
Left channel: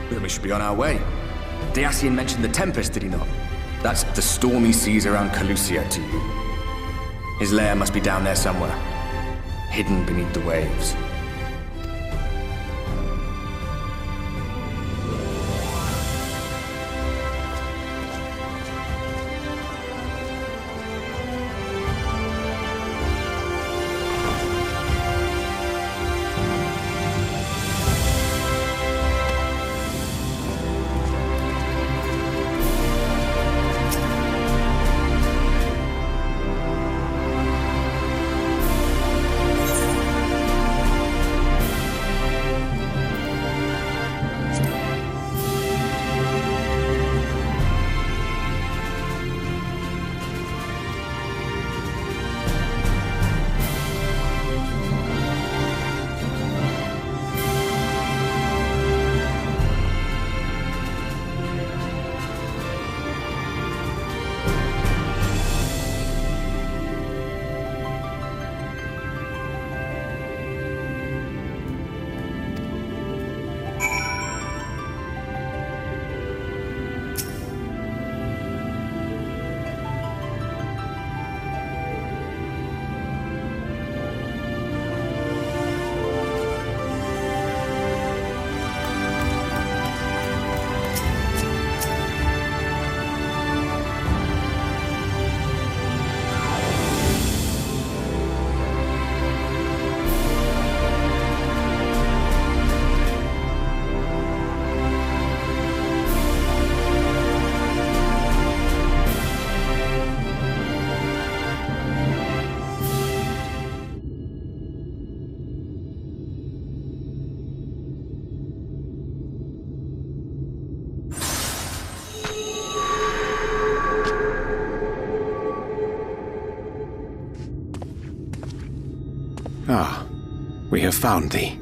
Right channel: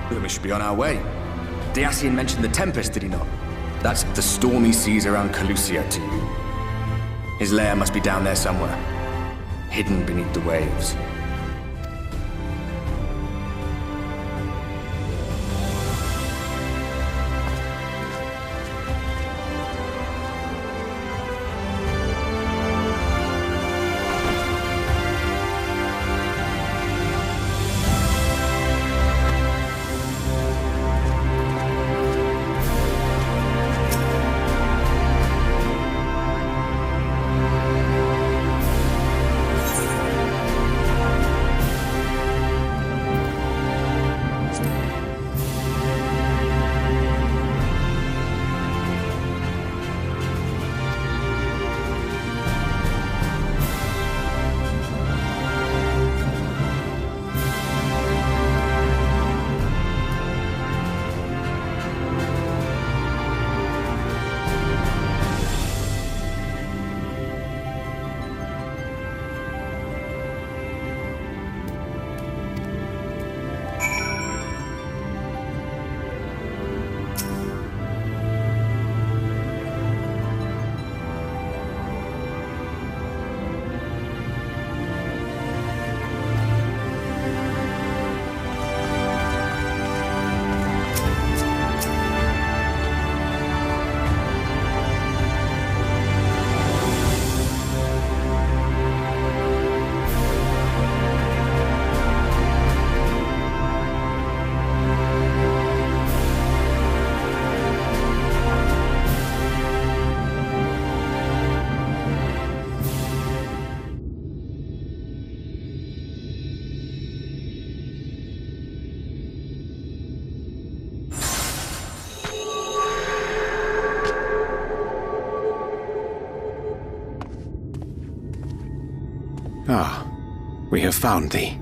Then we should be on our way. Dacian mentioned the Tempest, did he not? That's the stormy seas around Calusia to you. His lair must be down there somewhere, hidden beneath the waves. Ah, we have found thee.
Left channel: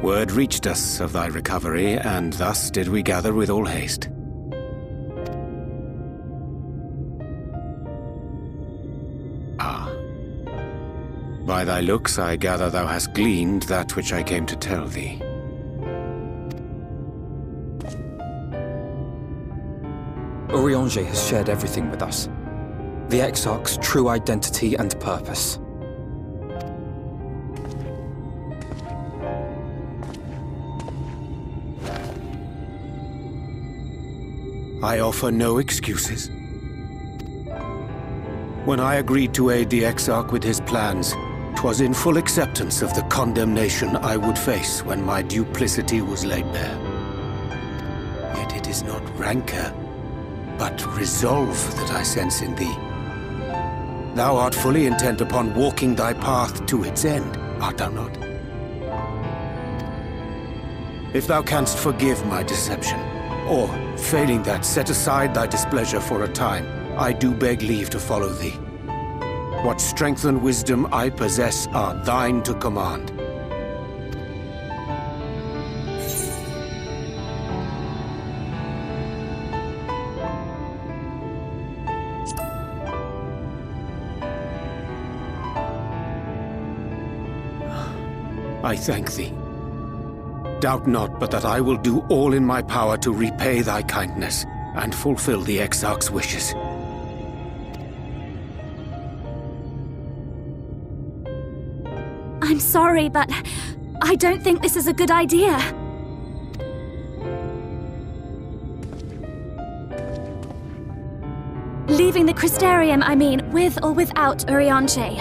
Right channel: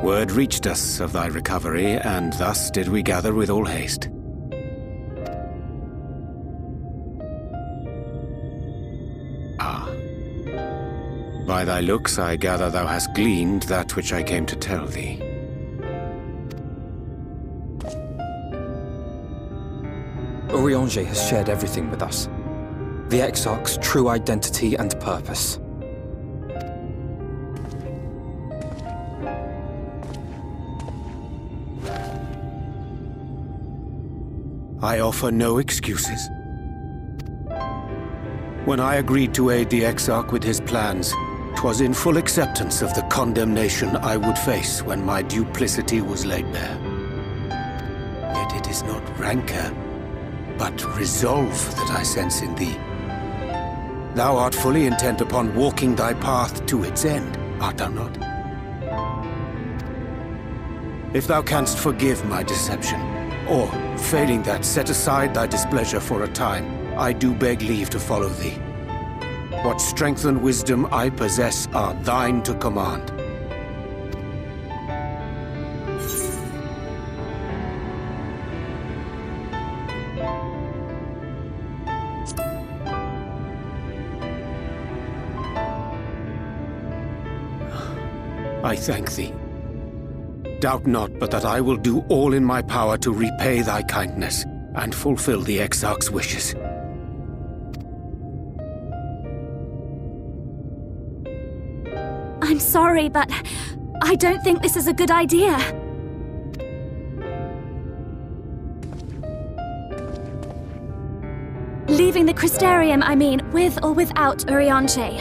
Word reached us of thy recovery, and thus did we gather with all haste. By thy looks, I gather thou hast gleaned that which I came to tell thee. Urianger has shared everything with us. The Exarch's true identity and purpose. I offer no excuses. When I agreed to aid the Exarch with his plans, 'twas in full acceptance of the condemnation I would face when my duplicity was laid bare. Yet it is not rancor, but resolve that I sense in thee. Thou art fully intent upon walking thy path to its end, art thou not? If thou canst forgive my deception, or, failing that, set aside thy displeasure for a time, I do beg leave to follow thee. What strength and wisdom I possess are thine to command. I thank thee. Doubt not but that I will do all in my power to repay thy kindness and fulfill the Exarch's wishes. I'm sorry, but I don't think this is a good idea. Leaving the Crystarium, I mean, with or without Urianger.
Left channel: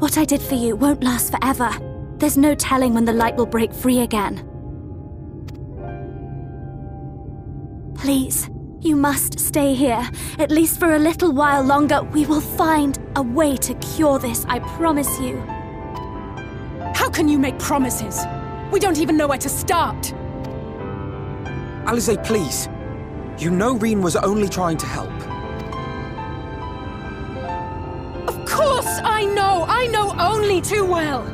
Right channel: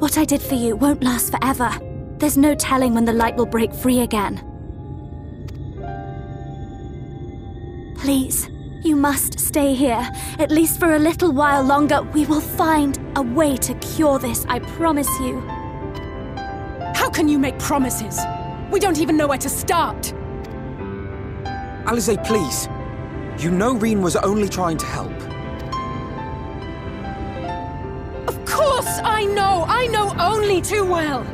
What I did for you won't last forever. There's no telling when the light will break free again. Please, you must stay here, at least for a little while longer. We will find a way to cure this, I promise you. How can you make promises? We don't even know where to start. Alize, please. You know Reen was only trying to help. Of course I know only too well.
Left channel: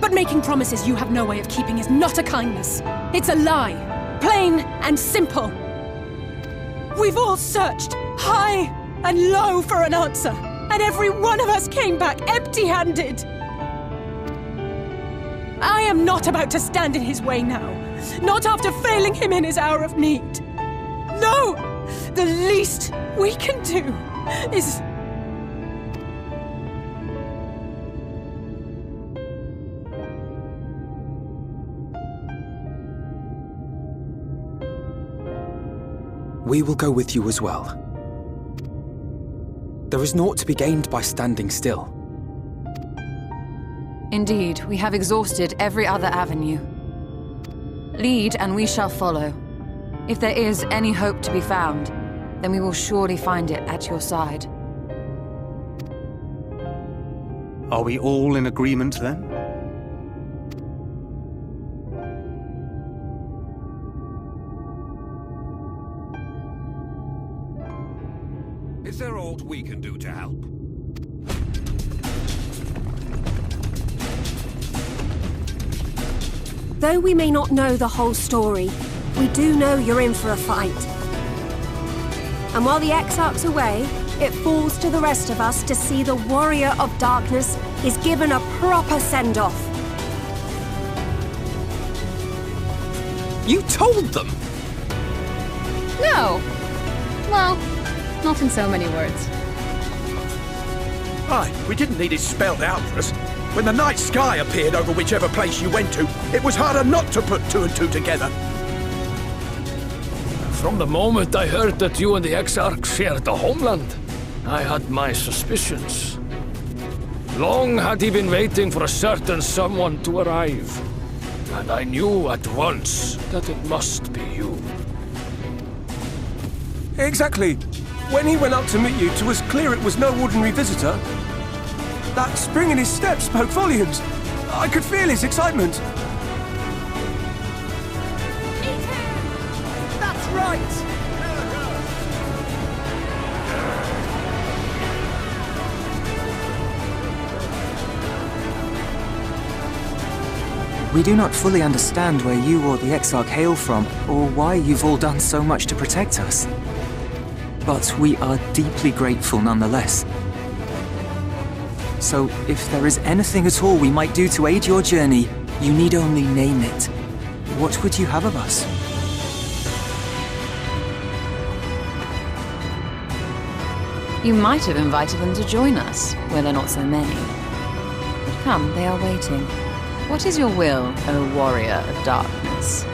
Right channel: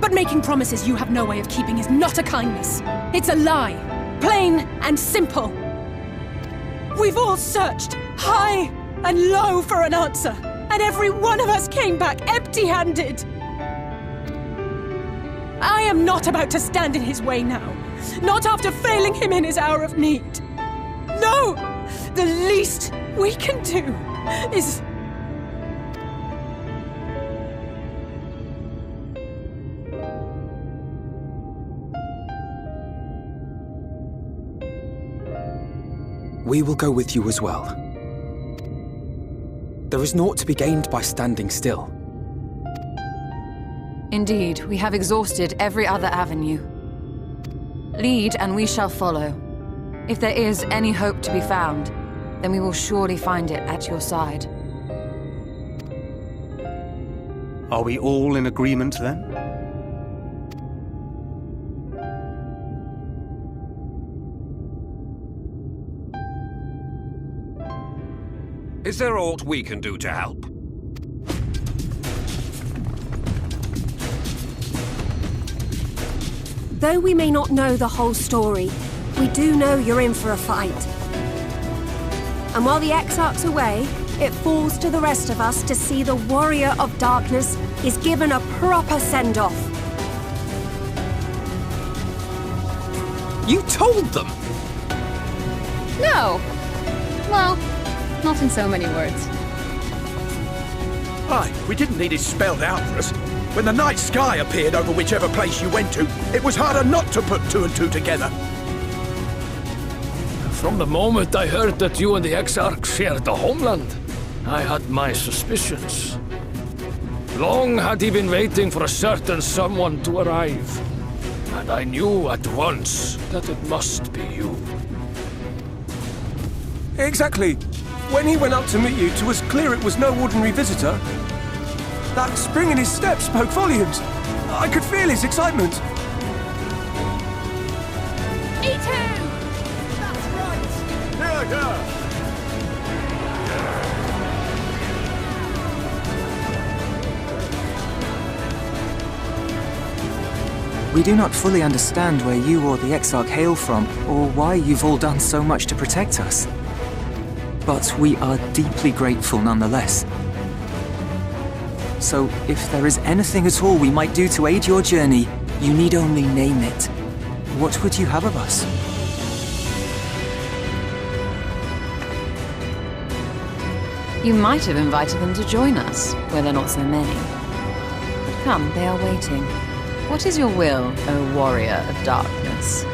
But making promises you have no way of keeping is not a kindness. It's a lie. Plain and simple. We've all searched high and low for an answer, and every one of us came back empty-handed. I am not about to stand in his way now. Not after failing him in his hour of need. No! The least we can do is... We will go with you as well. There is naught to be gained by standing still. Indeed, we have exhausted every other avenue. Lead, and we shall follow. If there is any hope to be found, then we will surely find it at your side. Are we all in agreement, then? Is there aught we can do to help? Though we may not know the whole story, we do know you're in for a fight. And while the Exarch's away, it falls to the rest of us to see the Warrior of Darkness is given a proper send-off. You told them! No! Well, not in so many words. Aye, we didn't need it spelled out for us. When the night sky appeared over whichever place you went to, it was harder not to put two and two together. From the moment I heard that you and the Exarch shared the homeland, I had my suspicions. Long had he been waiting for a certain someone to arrive, and I knew at once that it must be you. Exactly. When he went up to meet you, it was clear it was no ordinary visitor. That spring in his step spoke volumes. I could feel his excitement. Me too! That's right! We do not fully understand where you or the Exarch hail from, or why you've all done so much to protect us. but we are deeply grateful nonetheless. So, if there is anything at all we might do to aid your journey, you need only name it. What would you have of us? You might have invited them to join us, where there are not so many. But come, they are waiting. What is your will, O warrior of darkness?